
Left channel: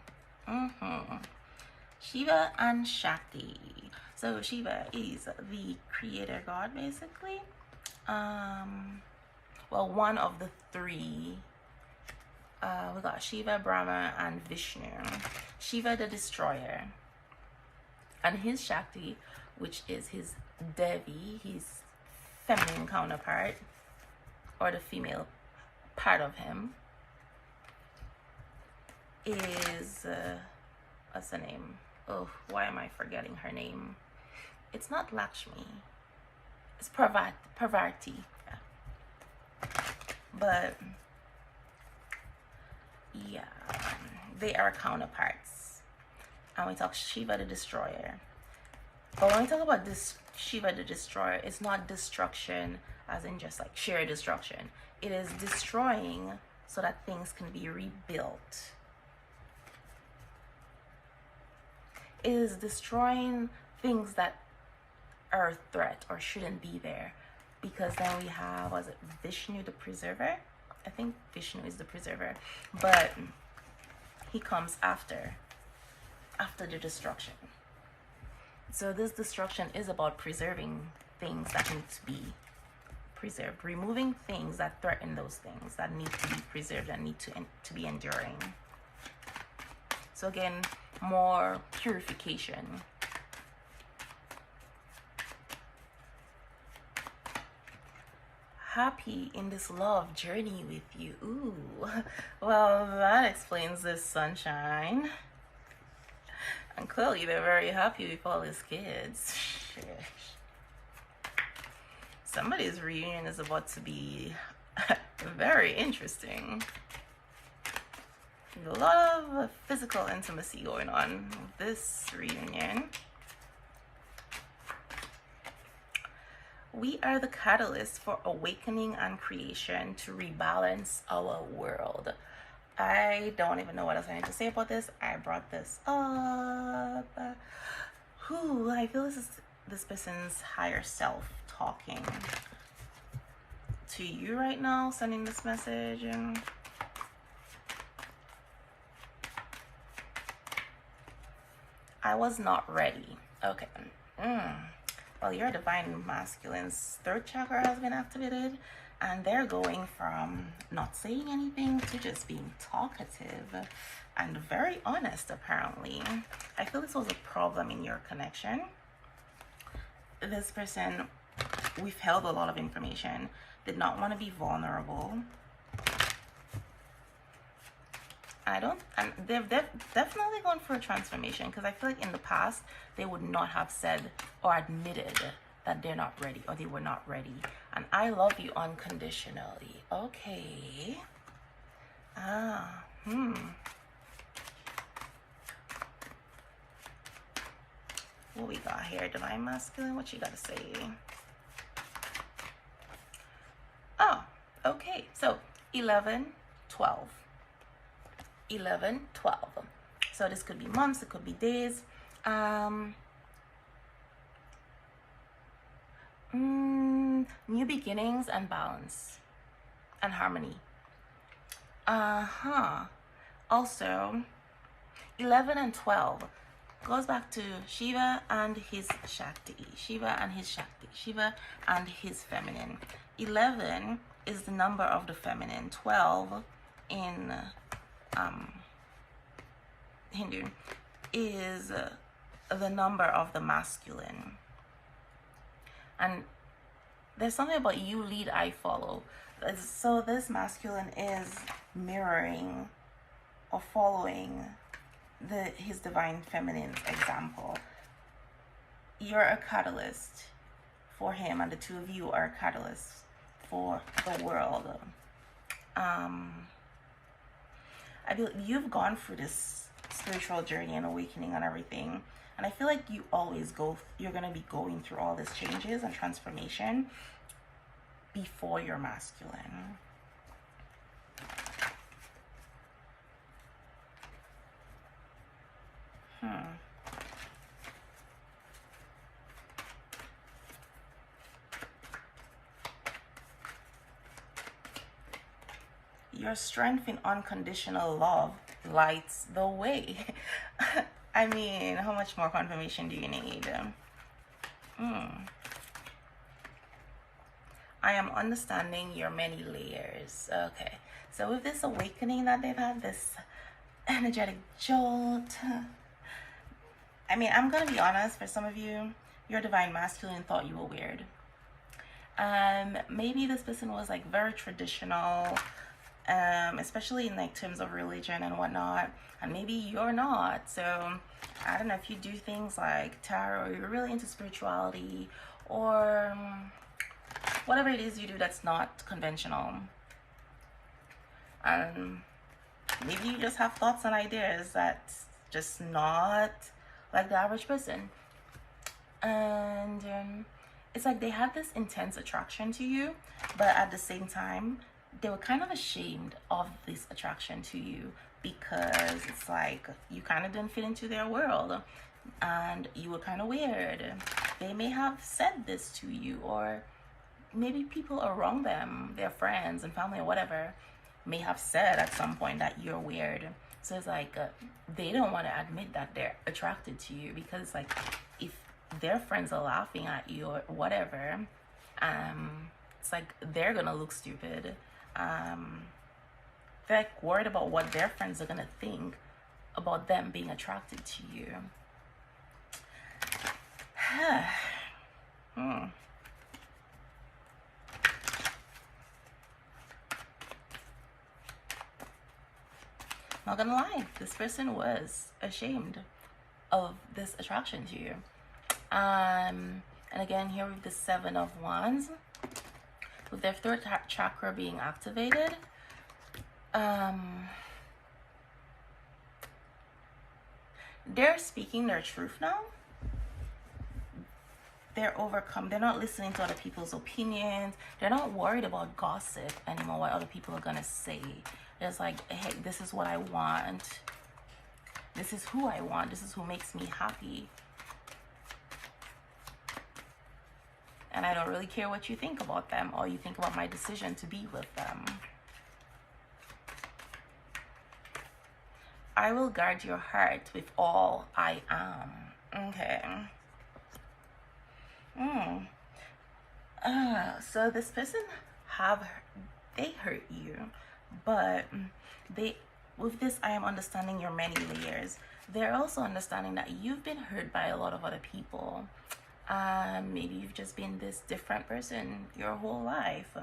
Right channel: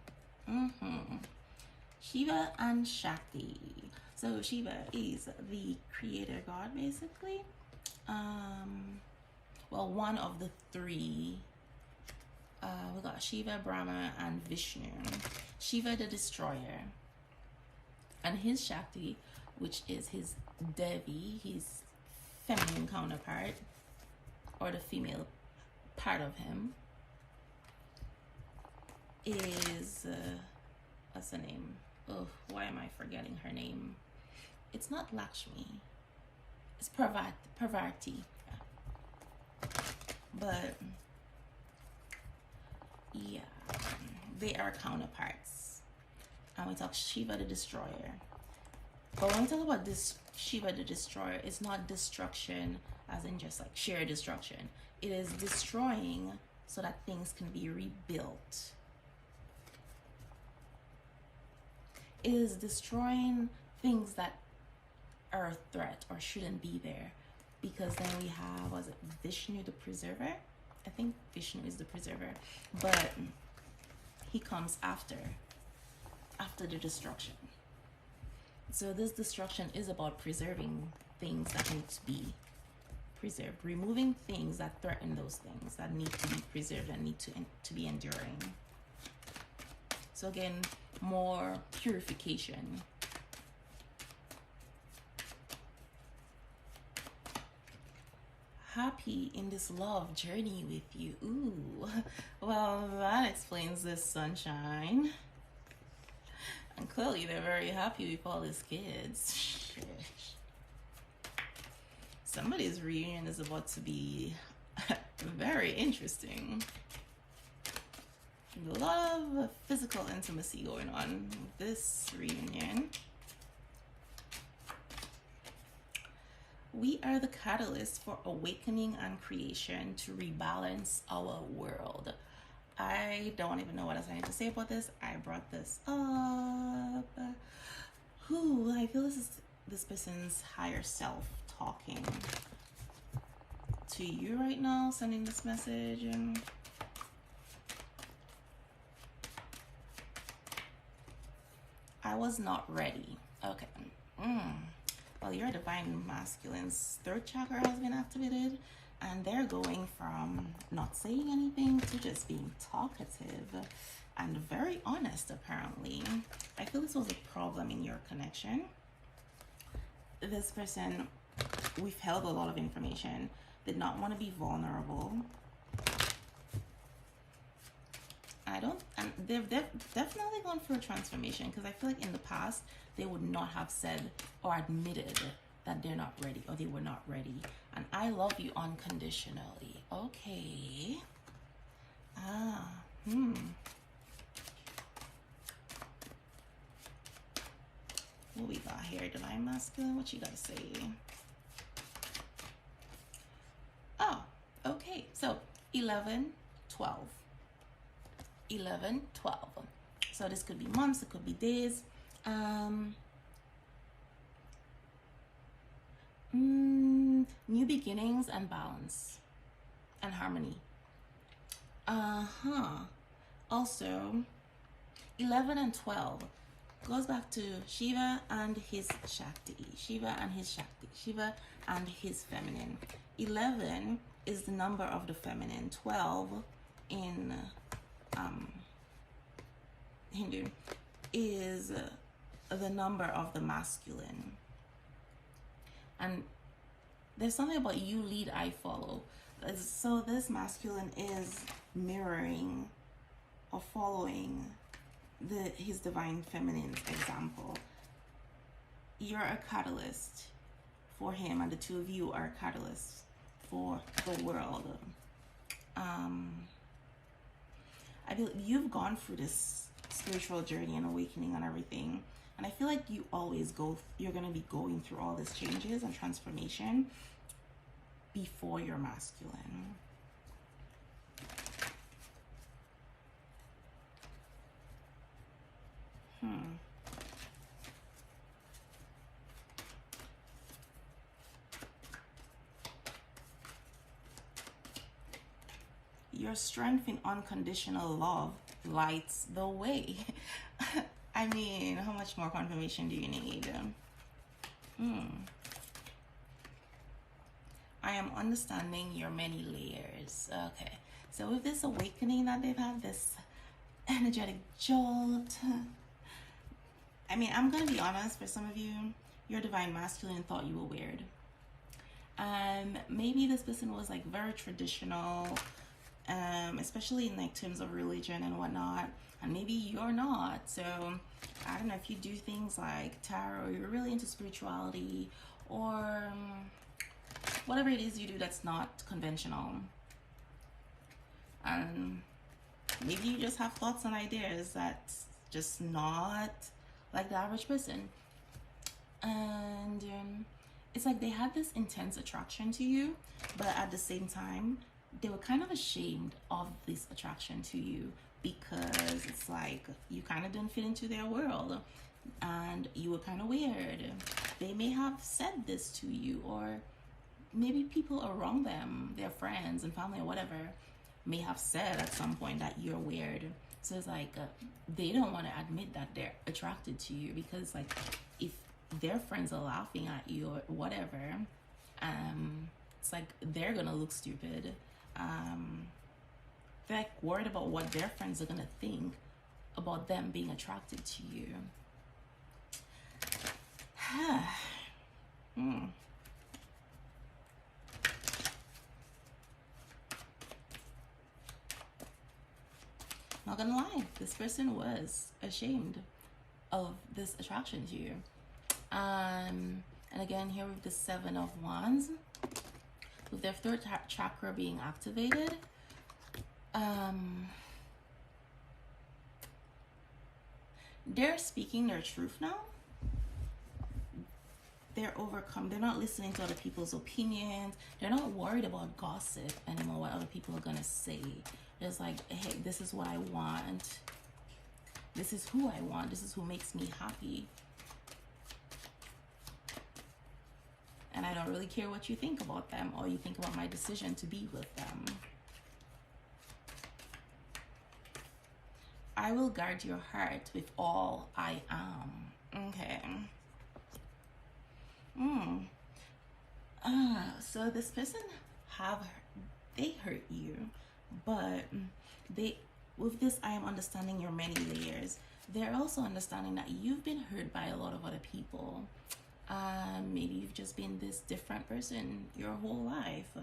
Shiva and Shakti. So Shiva is the creator god, basically. Well, one of the three. We got Shiva, Brahma, and Vishnu. Shiva, the destroyer, and his Shakti, which is his Devi, his feminine counterpart, or the female part of him, is what's the name? Oh, why am I forgetting her name? It's not Lakshmi. It's Parvati. Yeah. But yeah, they are counterparts. And we talk Shiva the destroyer. But when we talk about this Shiva the destroyer, it's not destruction as in just like sheer destruction. It is destroying so that things can be rebuilt. It is destroying things that are a threat or shouldn't be there. Because then we have, was it Vishnu the preserver? I think Vishnu is the preserver. But he comes after the destruction. So this destruction is about preserving things that need to be preserved. Removing things that threaten those things that need to be preserved and need to be enduring. So again, more purification. Happy in this love journey with you. Ooh, well, that explains this sunshine. And clearly they're very happy with all his kids. Somebody's reunion is about to be very interesting. A lot of physical intimacy going on with this reunion. we are the catalyst for awakening and creation to rebalance our world. I don't even know what else I need to say about this. I brought this up. I feel this is this person's higher self talking to you right now, sending this message. I was not ready. Okay. Well, your divine masculine's third chakra has been activated, and they're going from not saying anything to just being talkative and very honest, apparently. I feel this was a problem in your connection. This person withheld a lot of information, did not want to be vulnerable. And they've definitely gone for a transformation, because I feel like in the past, they would not have said or admitted that they're not ready or they were not ready. And I love you unconditionally. Okay. What we got here? Divine masculine, what you gotta say? Oh, okay. So 11, 12. 11, 12. So this could be months, it could be days. New beginnings and balance and harmony. Also, 11 and 12 goes back to Shiva and his Shakti. Shiva and his Shakti. Shiva and his feminine. 11 is the number of the feminine. 12 in Hindu is the number of the masculine. And there's something about you lead, I follow. So this masculine is mirroring or following his divine feminine example. You're a catalyst for him, and the two of you are catalysts for the world. I feel you've gone through this spiritual journey and awakening and everything, and I feel like you're going to be going through all these changes and transformation before you're masculine. Your strength in unconditional love lights the way. I mean, how much more confirmation do you need? I am understanding your many layers. Okay, so with this awakening that they've had, this energetic jolt, I mean, I'm gonna be honest, for some of you, your divine masculine thought you were weird. Maybe this person was like very traditional, especially in like terms of religion and whatnot, and maybe you're not. So I don't know if you do things like tarot, or you're really into spirituality, or whatever it is you do that's not conventional. Maybe you just have thoughts and ideas that's just not like the average person. And it's like they had this intense attraction to you, but at the same time, they were kind of ashamed of this attraction to you, because it's like you kind of didn't fit into their world and you were kind of weird. They may have said this to you, or maybe people around them, their friends and family or whatever, may have said at some point that you're weird. So it's like they don't want to admit that they're attracted to you, because like if their friends are laughing at you or whatever, it's like they're gonna look stupid. They're like worried about what their friends are gonna think about them being attracted to you. Not gonna lie, this person was ashamed of this attraction to you. And again, here with the 7 of Wands, with their third chakra being activated, they're speaking their truth now. they're overcome. They're not listening to other people's opinions. They're not worried about gossip anymore, what other people are gonna say. It's like, hey, this is what I want. This is who I want. This is who makes me happy. And I don't really care what you think about them or you think about my decision to be with them. I will guard your heart with all I am. Okay. So this person they hurt you, but with this, I am understanding your many layers. They're also understanding that you've been hurt by a lot of other people. Maybe you've just been this different person your whole life,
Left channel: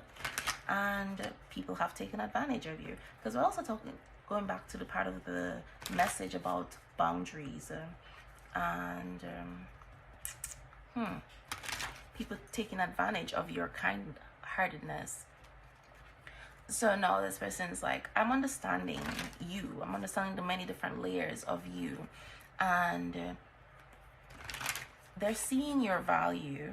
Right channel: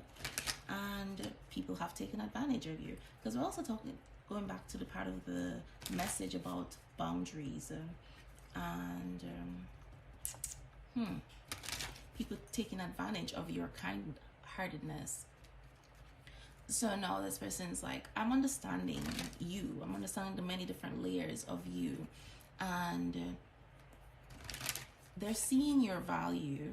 and people have taken advantage of you. Because we're also going back to the part of the message about boundaries and people taking advantage of your kind-heartedness. So now this person's like, I'm understanding you. I'm understanding the many different layers of you. And they're seeing your value.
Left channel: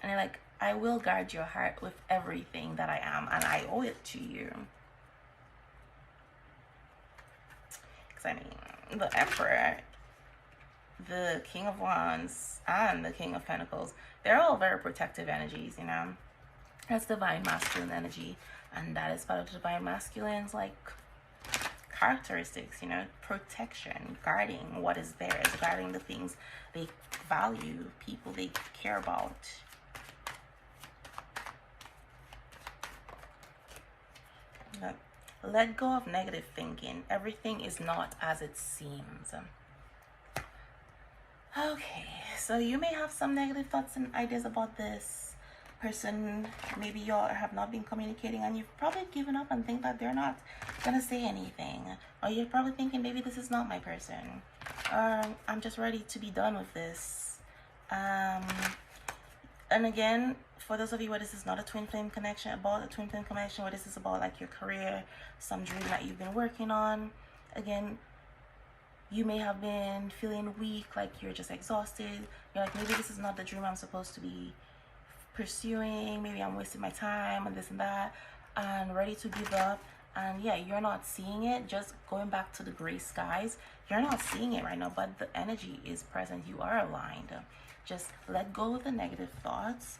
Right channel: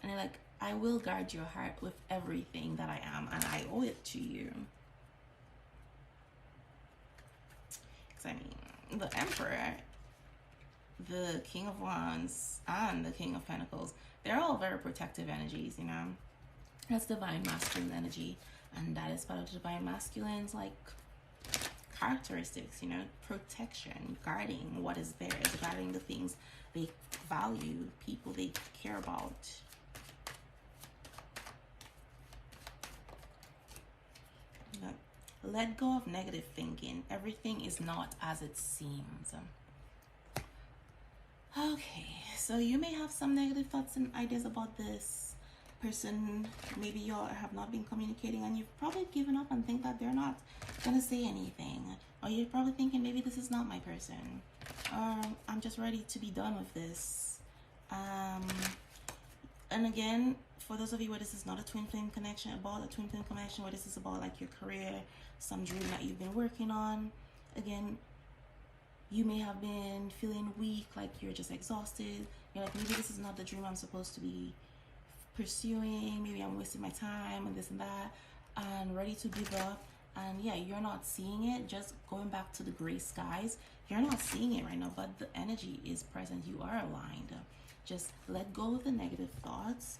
And they're like, I will guard your heart with everything that I am. And I owe it to you. Because, I mean, the Emperor, the King of Wands, and the King of Pentacles, they're all very protective energies, you know. That's divine masculine energy. And that is part of the divine masculine's like characteristics, you know, protection, guarding what is theirs, guarding the things they value, people they care about. Let go of negative thinking. Everything is not as it seems. Okay, so you may have some negative thoughts and ideas about this person. Maybe y'all have not been communicating and you've probably given up and think that they're not gonna say anything, or you're probably thinking maybe this is not my person, or I'm just ready to be done with this. And again, for those of you where this is not a twin flame connection, about a twin flame connection, where this is about like your career, some dream that you've been working on, again, you may have been feeling weak, like you're just exhausted. You're like, maybe this is not the dream I'm supposed to be pursuing. Maybe I'm wasting my time and this and that, and ready to give up. And yeah, you're not seeing it. Just going back to the gray skies, you're not seeing it right now, but the energy is present. You are aligned. Just let go of the negative thoughts,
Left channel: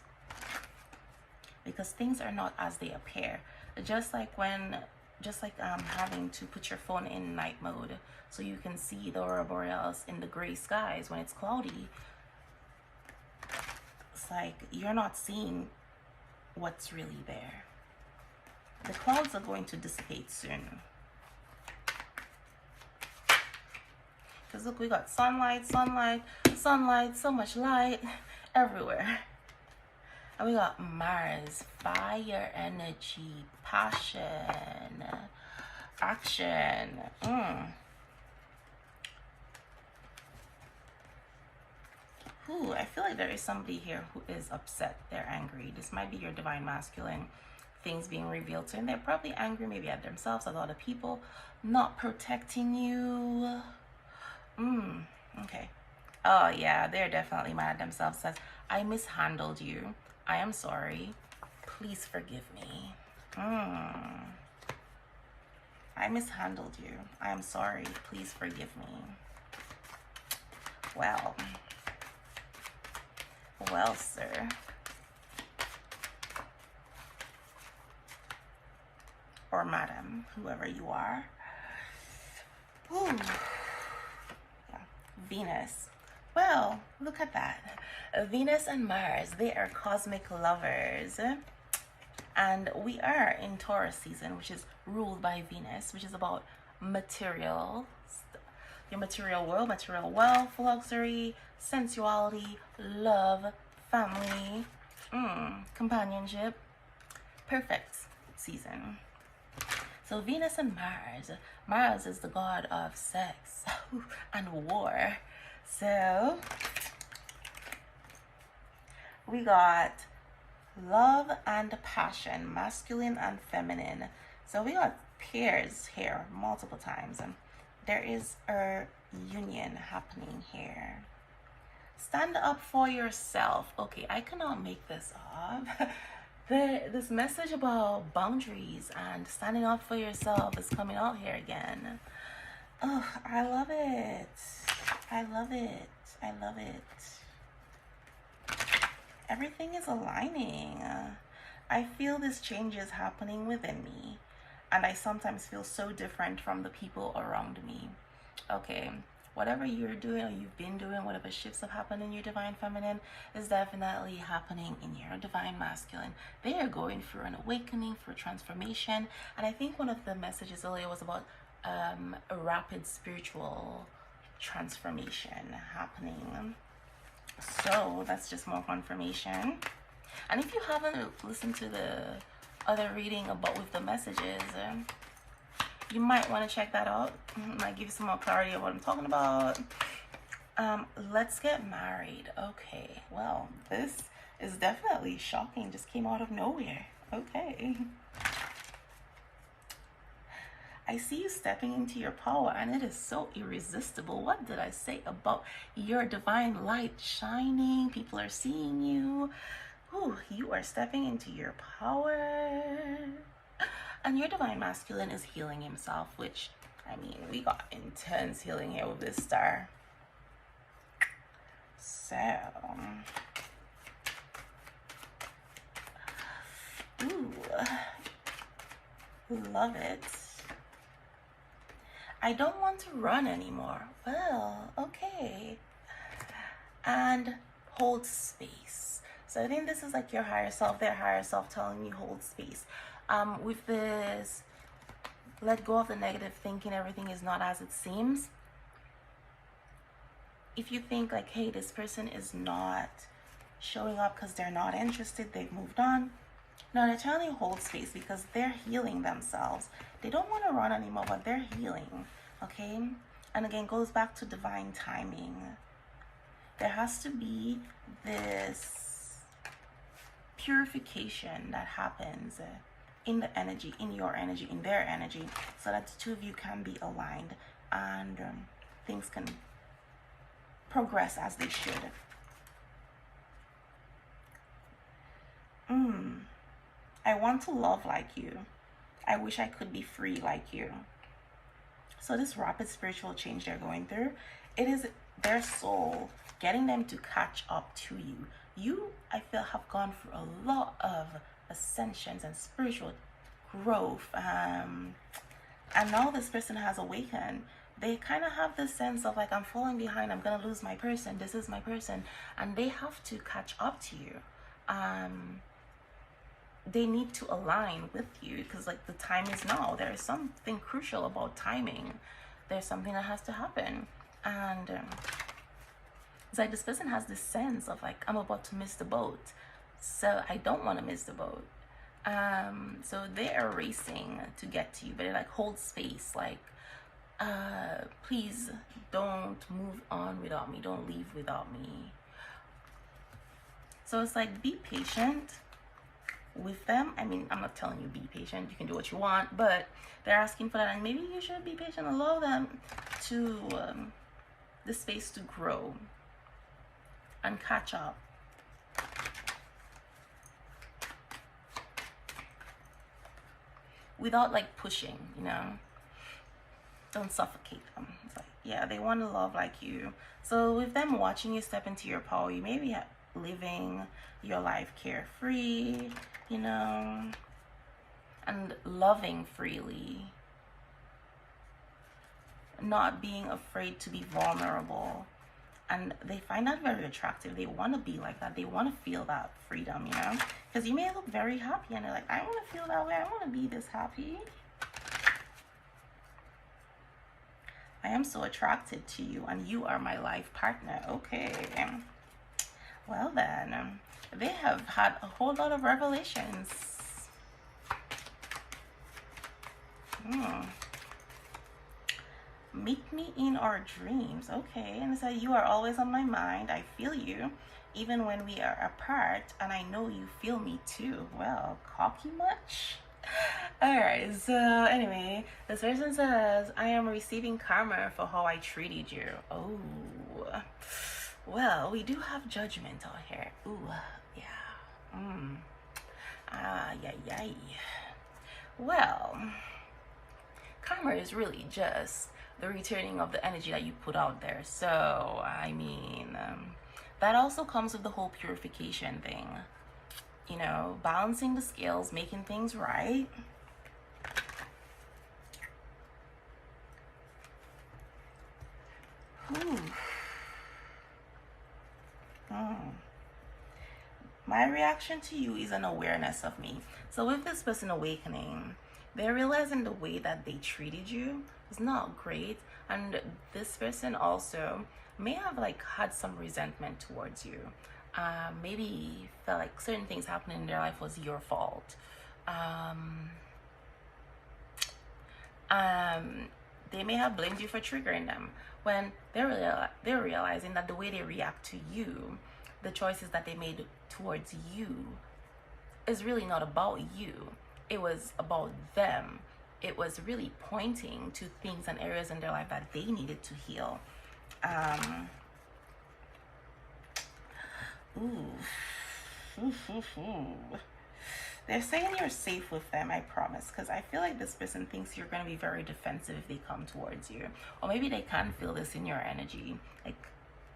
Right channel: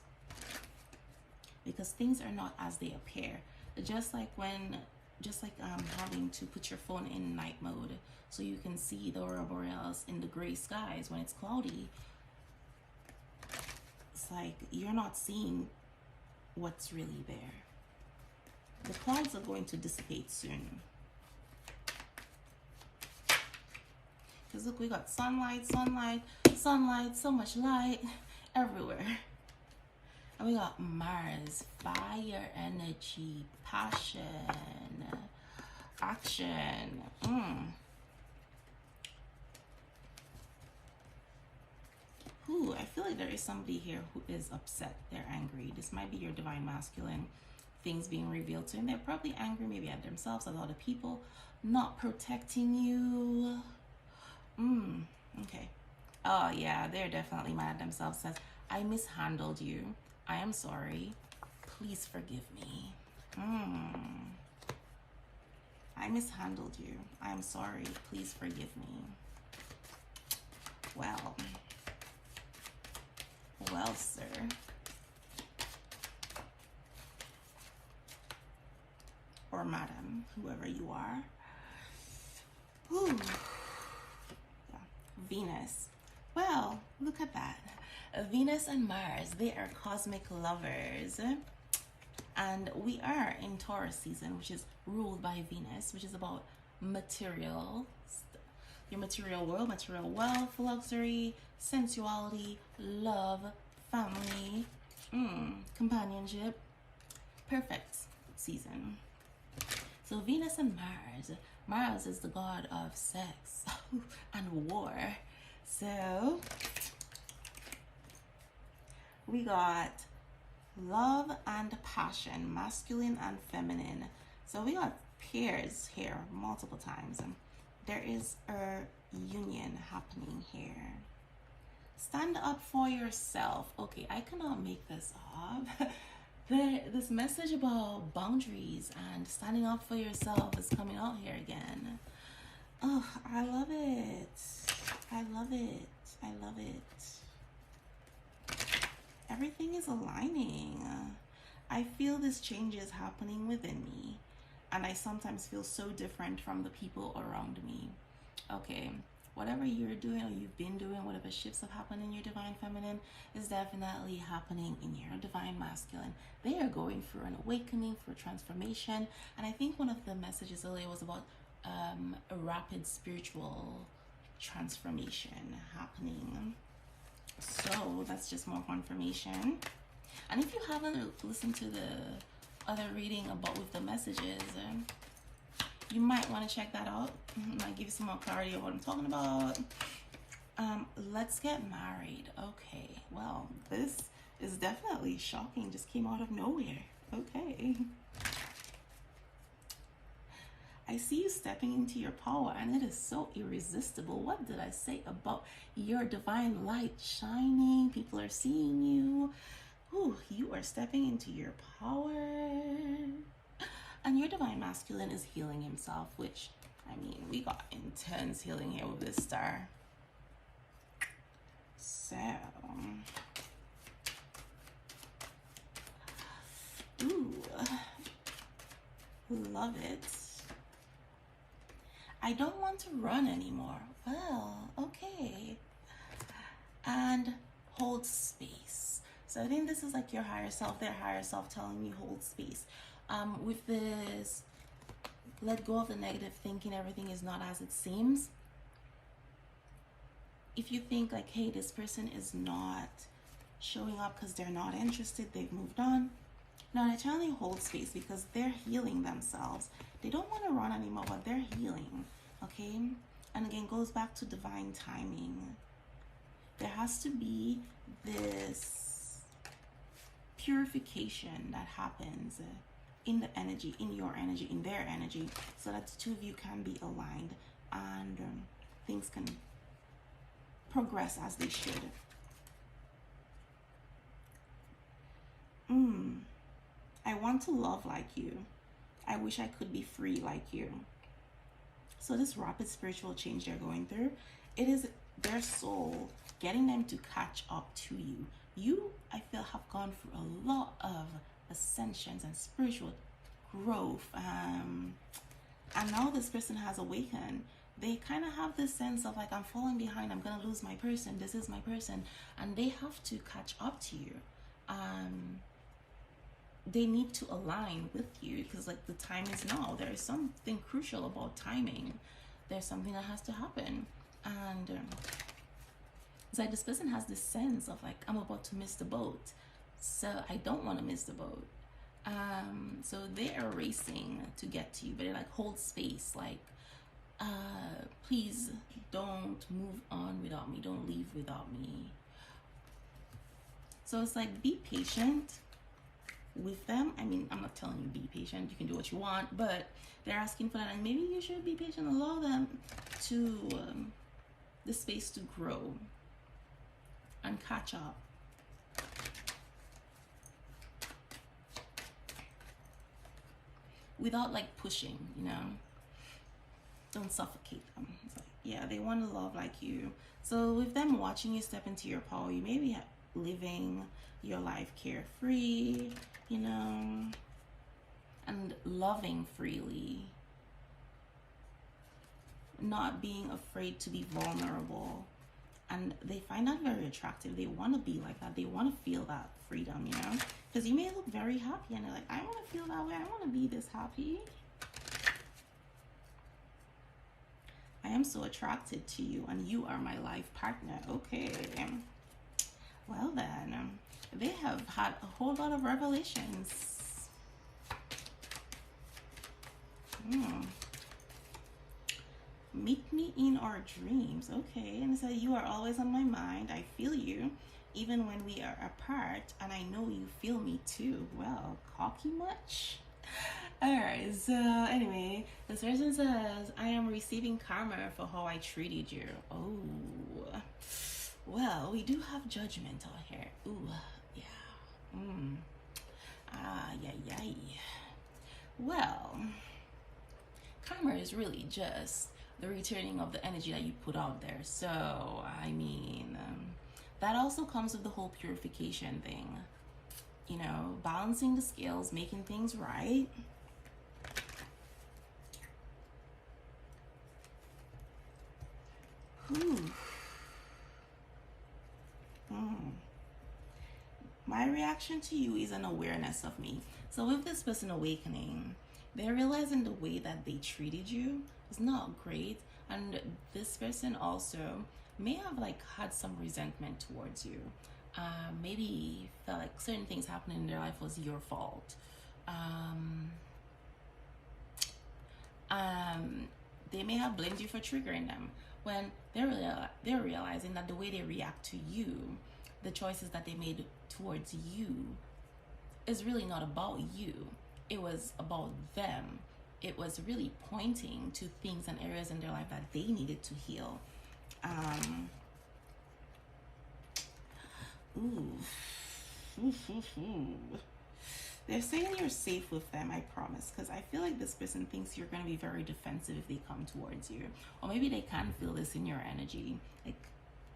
because things are not as they appear. Just like having to put your phone in night mode so you can see the aurora borealis in the gray skies when it's cloudy. It's like you're not seeing what's really there. The clouds are going to dissipate soon. Because look, we got sunlight, sunlight, sunlight, so much light everywhere. And we got Mars, fire energy, passion, action. Ooh, I feel like there is somebody here who is upset. They're angry. This might be your divine masculine. Things being revealed to them. They're probably angry maybe at themselves, at other people, not protecting you. Okay. Oh yeah, they're definitely mad at themselves. Says, I mishandled you. I am sorry. Please forgive me. I mishandled you. I am sorry. Please forgive me. Well, sir. Or madam, whoever you are. Ooh. Yeah. Venus. Well, look at that. Venus and Mars, they are cosmic lovers. And we are in Taurus season, which is ruled by Venus, which is about material, your material world, material wealth, luxury, sensuality, love, family, companionship. Perfect season. So Venus and Mars. Mars is the god of sex and war. So we got love and passion, masculine and feminine. So we got pairs here multiple times. There is a union happening here. Stand up for yourself. Okay, I cannot make this up. This message about boundaries and standing up for yourself is coming out here again. Oh, I love it. I love it. I love it. Everything is aligning. I feel this change is happening within me, and I sometimes feel so different from the people around me. Okay, whatever you're doing or you've been doing, whatever shifts have happened in your divine feminine is definitely happening in your divine masculine. They are going through an awakening, through transformation. And I think one of the messages earlier was about a rapid spiritual transformation happening. So that's just more confirmation. And if you haven't listened to the other reading about with the messages, you might want to check that out. Might give you some more clarity of what I'm talking about. Let's get married. Okay, well, this is definitely shocking. Just came out of nowhere. Okay. I see you stepping into your power, and it is so irresistible. What did I say about your divine light shining? People are seeing you. Ooh, you are stepping into your power. And your divine masculine is healing himself, which, I mean, we got intense healing here with this star. So, ooh, love it. I don't want to run anymore. Well, okay. And hold space. So I think this is like your higher self, their higher self telling you hold space. With this, let go of the negative thinking, everything is not as it seems. If you think like, hey, this person is not showing up because they're not interested, they've moved on. No, they're telling you hold space because they're healing themselves. They don't want to run anymore, but they're healing, okay? And again, goes back to divine timing. There has to be this purification that happens in the energy, in your energy, in their energy, so that the two of you can be aligned and things can progress as they should. I want to love like you. I wish I could be free like you. So this rapid spiritual change they're going through, it is their soul getting them to catch up to you. You, I feel, have gone through a lot of ascensions and spiritual growth, and now this person has awakened. They kind of have this sense of like, I'm falling behind, I'm gonna lose my person, this is my person, and they have to catch up to you. They need to align with you because like the time is now. There is something crucial about timing. There's something that has to happen, and it's like this person has this sense of like, I'm about to miss the boat, so I don't want to miss the boat. So they are racing to get to you, but they're like, hold space, like please don't move on without me, don't leave without me. So it's like, be patient with them. I mean, I'm not telling you be patient, you can do what you want, but they're asking for that, and maybe you should be patient. Allow them to the space to grow and catch up. Without like pushing, you know, don't suffocate them. It's like, yeah, they want to love like you. So with them watching you step into your power, you may be living your life carefree, you know, and loving freely, not being afraid to be vulnerable. And they find that very attractive. They want to be like that. They want to feel that freedom, you know, because you may look very happy and they're like, I want to feel that way. I want to be this happy. I am so attracted to you and you are my life partner. Okay. Well then, they have had a whole lot of revelations. Meet me in our dreams. Okay. And so you are always on my mind. I feel you even when we are apart, and I know you feel me too. Well, cocky much? Alright, so anyway, this person says, I am receiving karma for how I treated you. Oh, Well, we do have judgment on here. Ooh, yeah. Yeah, yeah. Well, karma is really just the returning of the energy that you put out there. So, I mean, that also comes with the whole purification thing. You know, balancing the scales, making things right. My reaction to you is an awareness of me. So with this person awakening, they're realizing the way that they treated you is not great. And this person also may have like had some resentment towards you. Maybe felt like certain things happening in their life was your fault. They may have blamed you for triggering them when they're realizing that the way they react to you, the choices that they made towards you, is really not about you. It was about them. It was really pointing to things and areas in their life that they needed to heal. They're saying you're safe with them, I promise, because I feel like this person thinks you're going to be very defensive if they come towards you. Or maybe they can feel this in your energy, like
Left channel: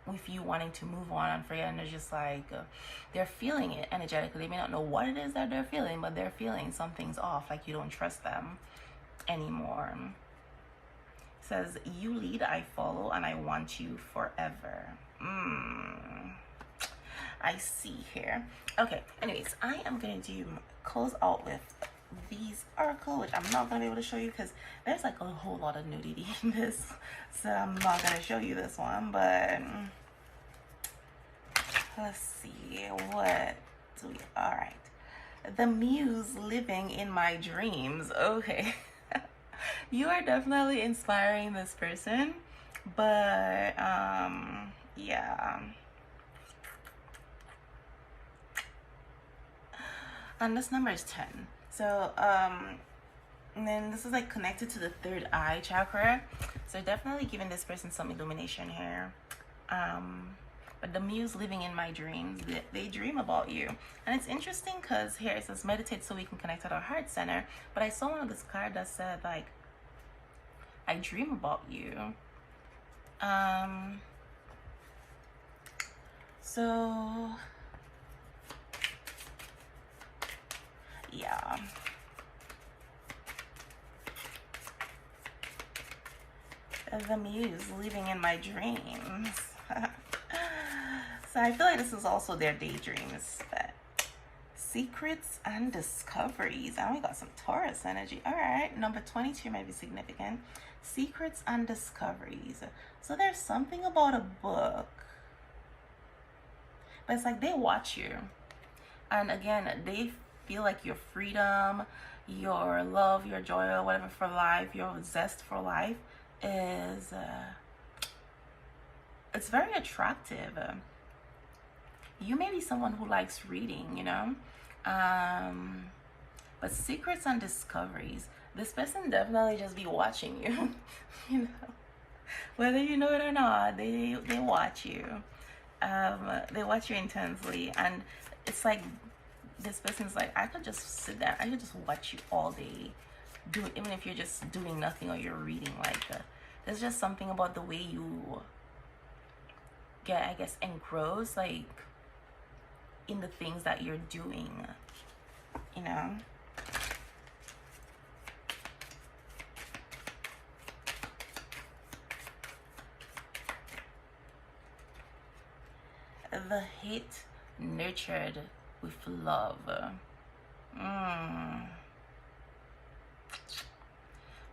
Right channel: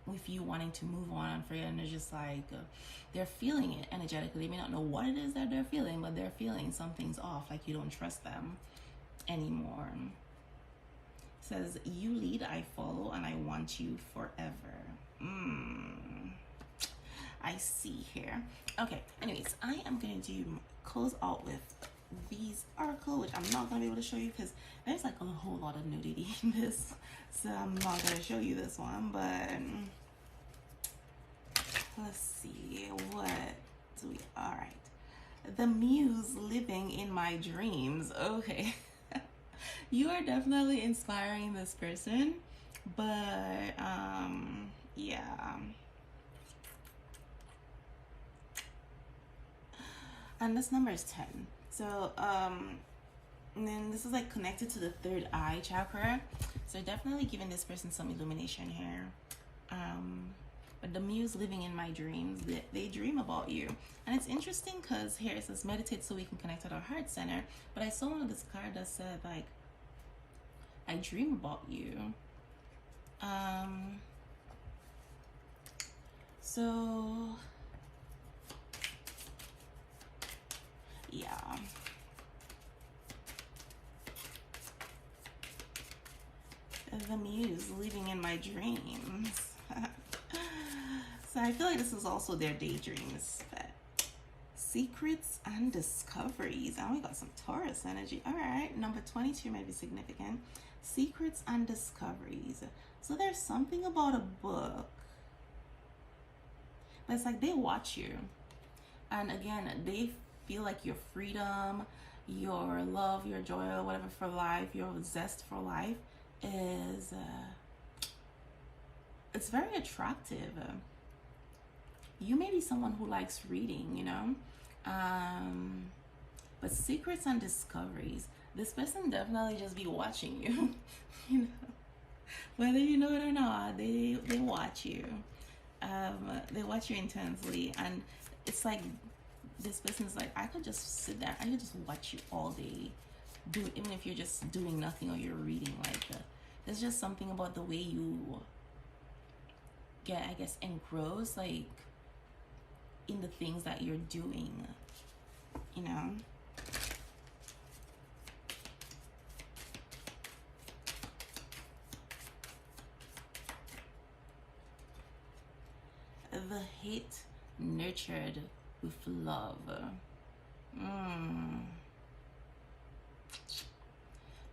with you wanting to move on and pray, and they're just like, they're feeling it energetically. They may not know what it is that they're feeling, but they're feeling something's off, like you don't trust them anymore. It says, you lead, I follow, and I want you forever. I see here. Okay, anyways, I am going to close out with these oracle, which I'm not going to be able to show you because there's like a whole lot of nudity in this. So I'm not going to show you this one, but let's see. What do we, all right. The muse living in my dreams. Okay. You are definitely inspiring this person, but yeah. And this number is 10. So and then this is like connected to the third eye chakra, so definitely giving this person some illumination here. But the muse living in my dreams, they dream about you. And it's interesting because here it says meditate so we can connect at our heart center, but I saw one of this card that said like, I dream about you. So yeah, the muse living in my dreams. So I feel like this is also their daydreams. But secrets and discoveries. And we got some Taurus energy. All right, number 22 might be significant. Secrets and discoveries. So there's something about a book, but it's like they watch you, and again, they feel like your freedom, your love, your joy, or whatever for life, your zest for life is it's very attractive. You may be someone who likes reading, you know, but secrets and discoveries, this person definitely just be watching you. You know, whether you know it or not, they watch you. They watch you intensely, and it's like this person's like, I could just sit there, I could just watch you all day, do it, even if you're just doing nothing or you're reading. Like there's just something about the way you get, I guess, engrossed, like in the things that you're doing, you know. The hate nurtured with love.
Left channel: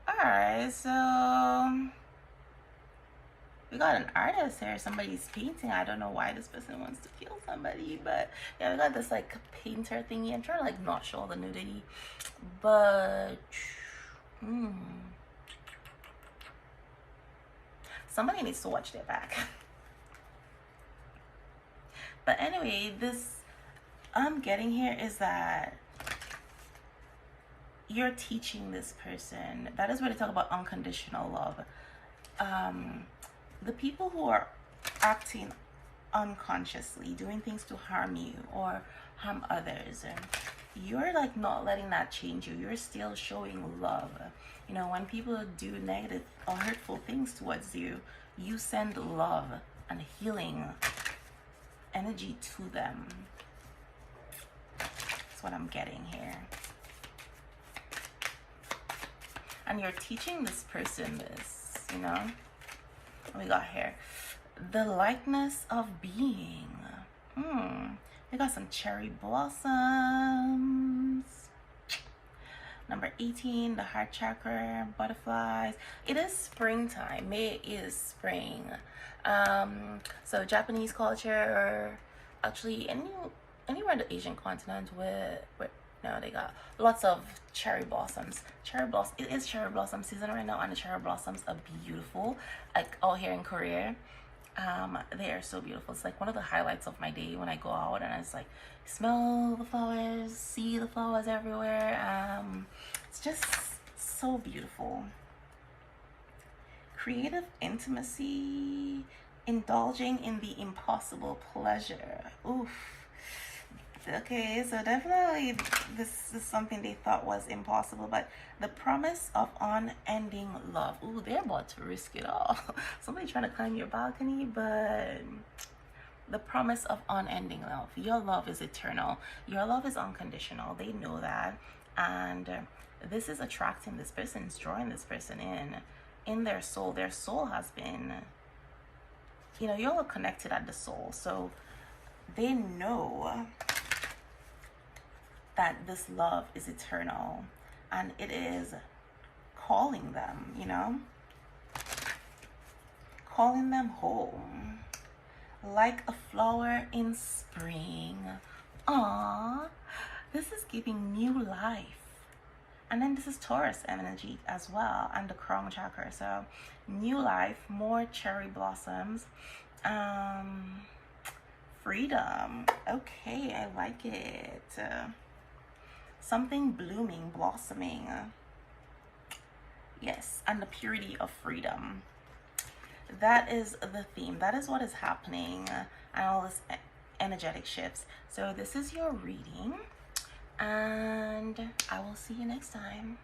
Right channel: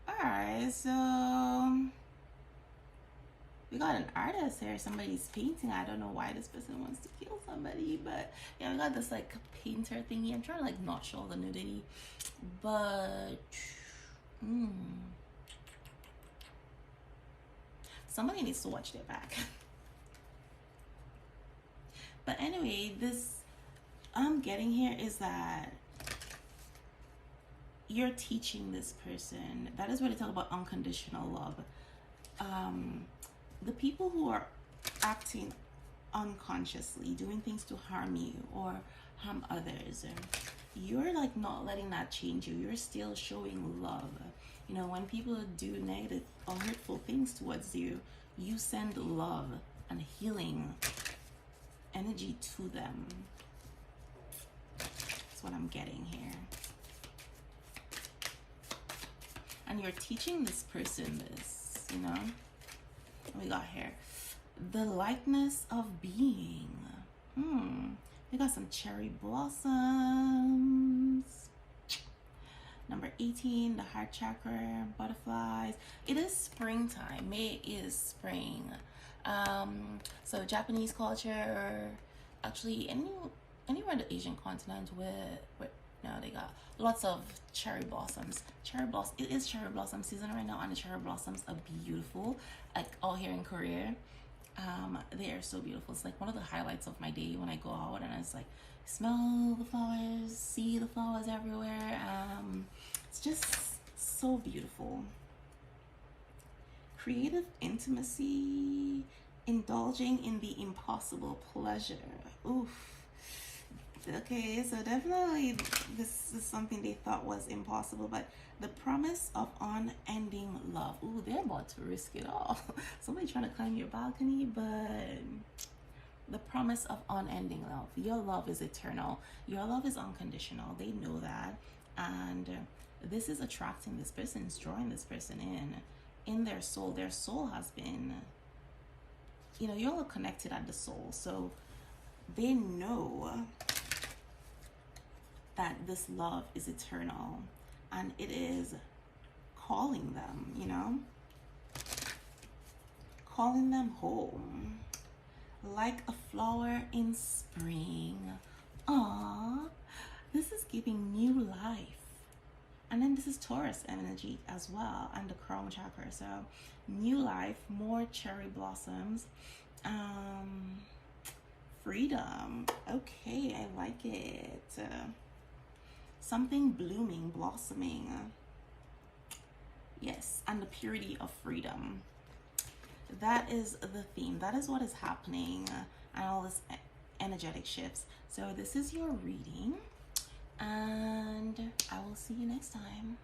Alright, so we got an artist here. Somebody's painting. I don't know why this person wants to kill somebody, but yeah, we got this like painter thingy. I'm trying to like not show all the nudity, but somebody needs to watch their back. But anyway, this I'm getting here is that you're teaching this person. That is where they talk about unconditional love. The people who are acting unconsciously, doing things to harm you or harm others, you're like not letting that change you. You're still showing love. You know, when people do negative or hurtful things towards you, you send love and healing energy to them. That's what I'm getting here. And you're teaching this person this, you know. What we got here? The likeness of being. We got some cherry blossoms. Number 18, the heart chakra, butterflies. It is springtime. May is spring. So Japanese culture, or actually anywhere in the Asian continent where now they got lots of cherry blossoms. It is cherry blossom season right now, and the cherry blossoms are beautiful. Like out here in Korea, they are so beautiful. It's like one of the highlights of my day when I go out and I just like smell the flowers, see the flowers everywhere. It's just so beautiful. Creative intimacy, indulging in the impossible pleasure. Oof. Okay, so definitely this is something they thought was impossible, but the promise of unending love. Ooh, they're about to risk it all. Somebody trying to climb your balcony, but the promise of unending love. Your love is eternal. Your love is unconditional. They know that. And this is attracting this person, it's drawing this person in their soul. Their soul has been, you know, you're all connected at the soul. So they know that this love is eternal and it is calling them, you know, calling them home like a flower in spring. Aww, this is giving new life. And then this is Taurus energy as well, and the crown chakra. So new life, more cherry blossoms, freedom. Okay, I like it. Something blooming, blossoming. Yes, and the purity of freedom. That is the theme. That is what is happening, and all this energetic shifts. So this is your reading, and I will see you next time.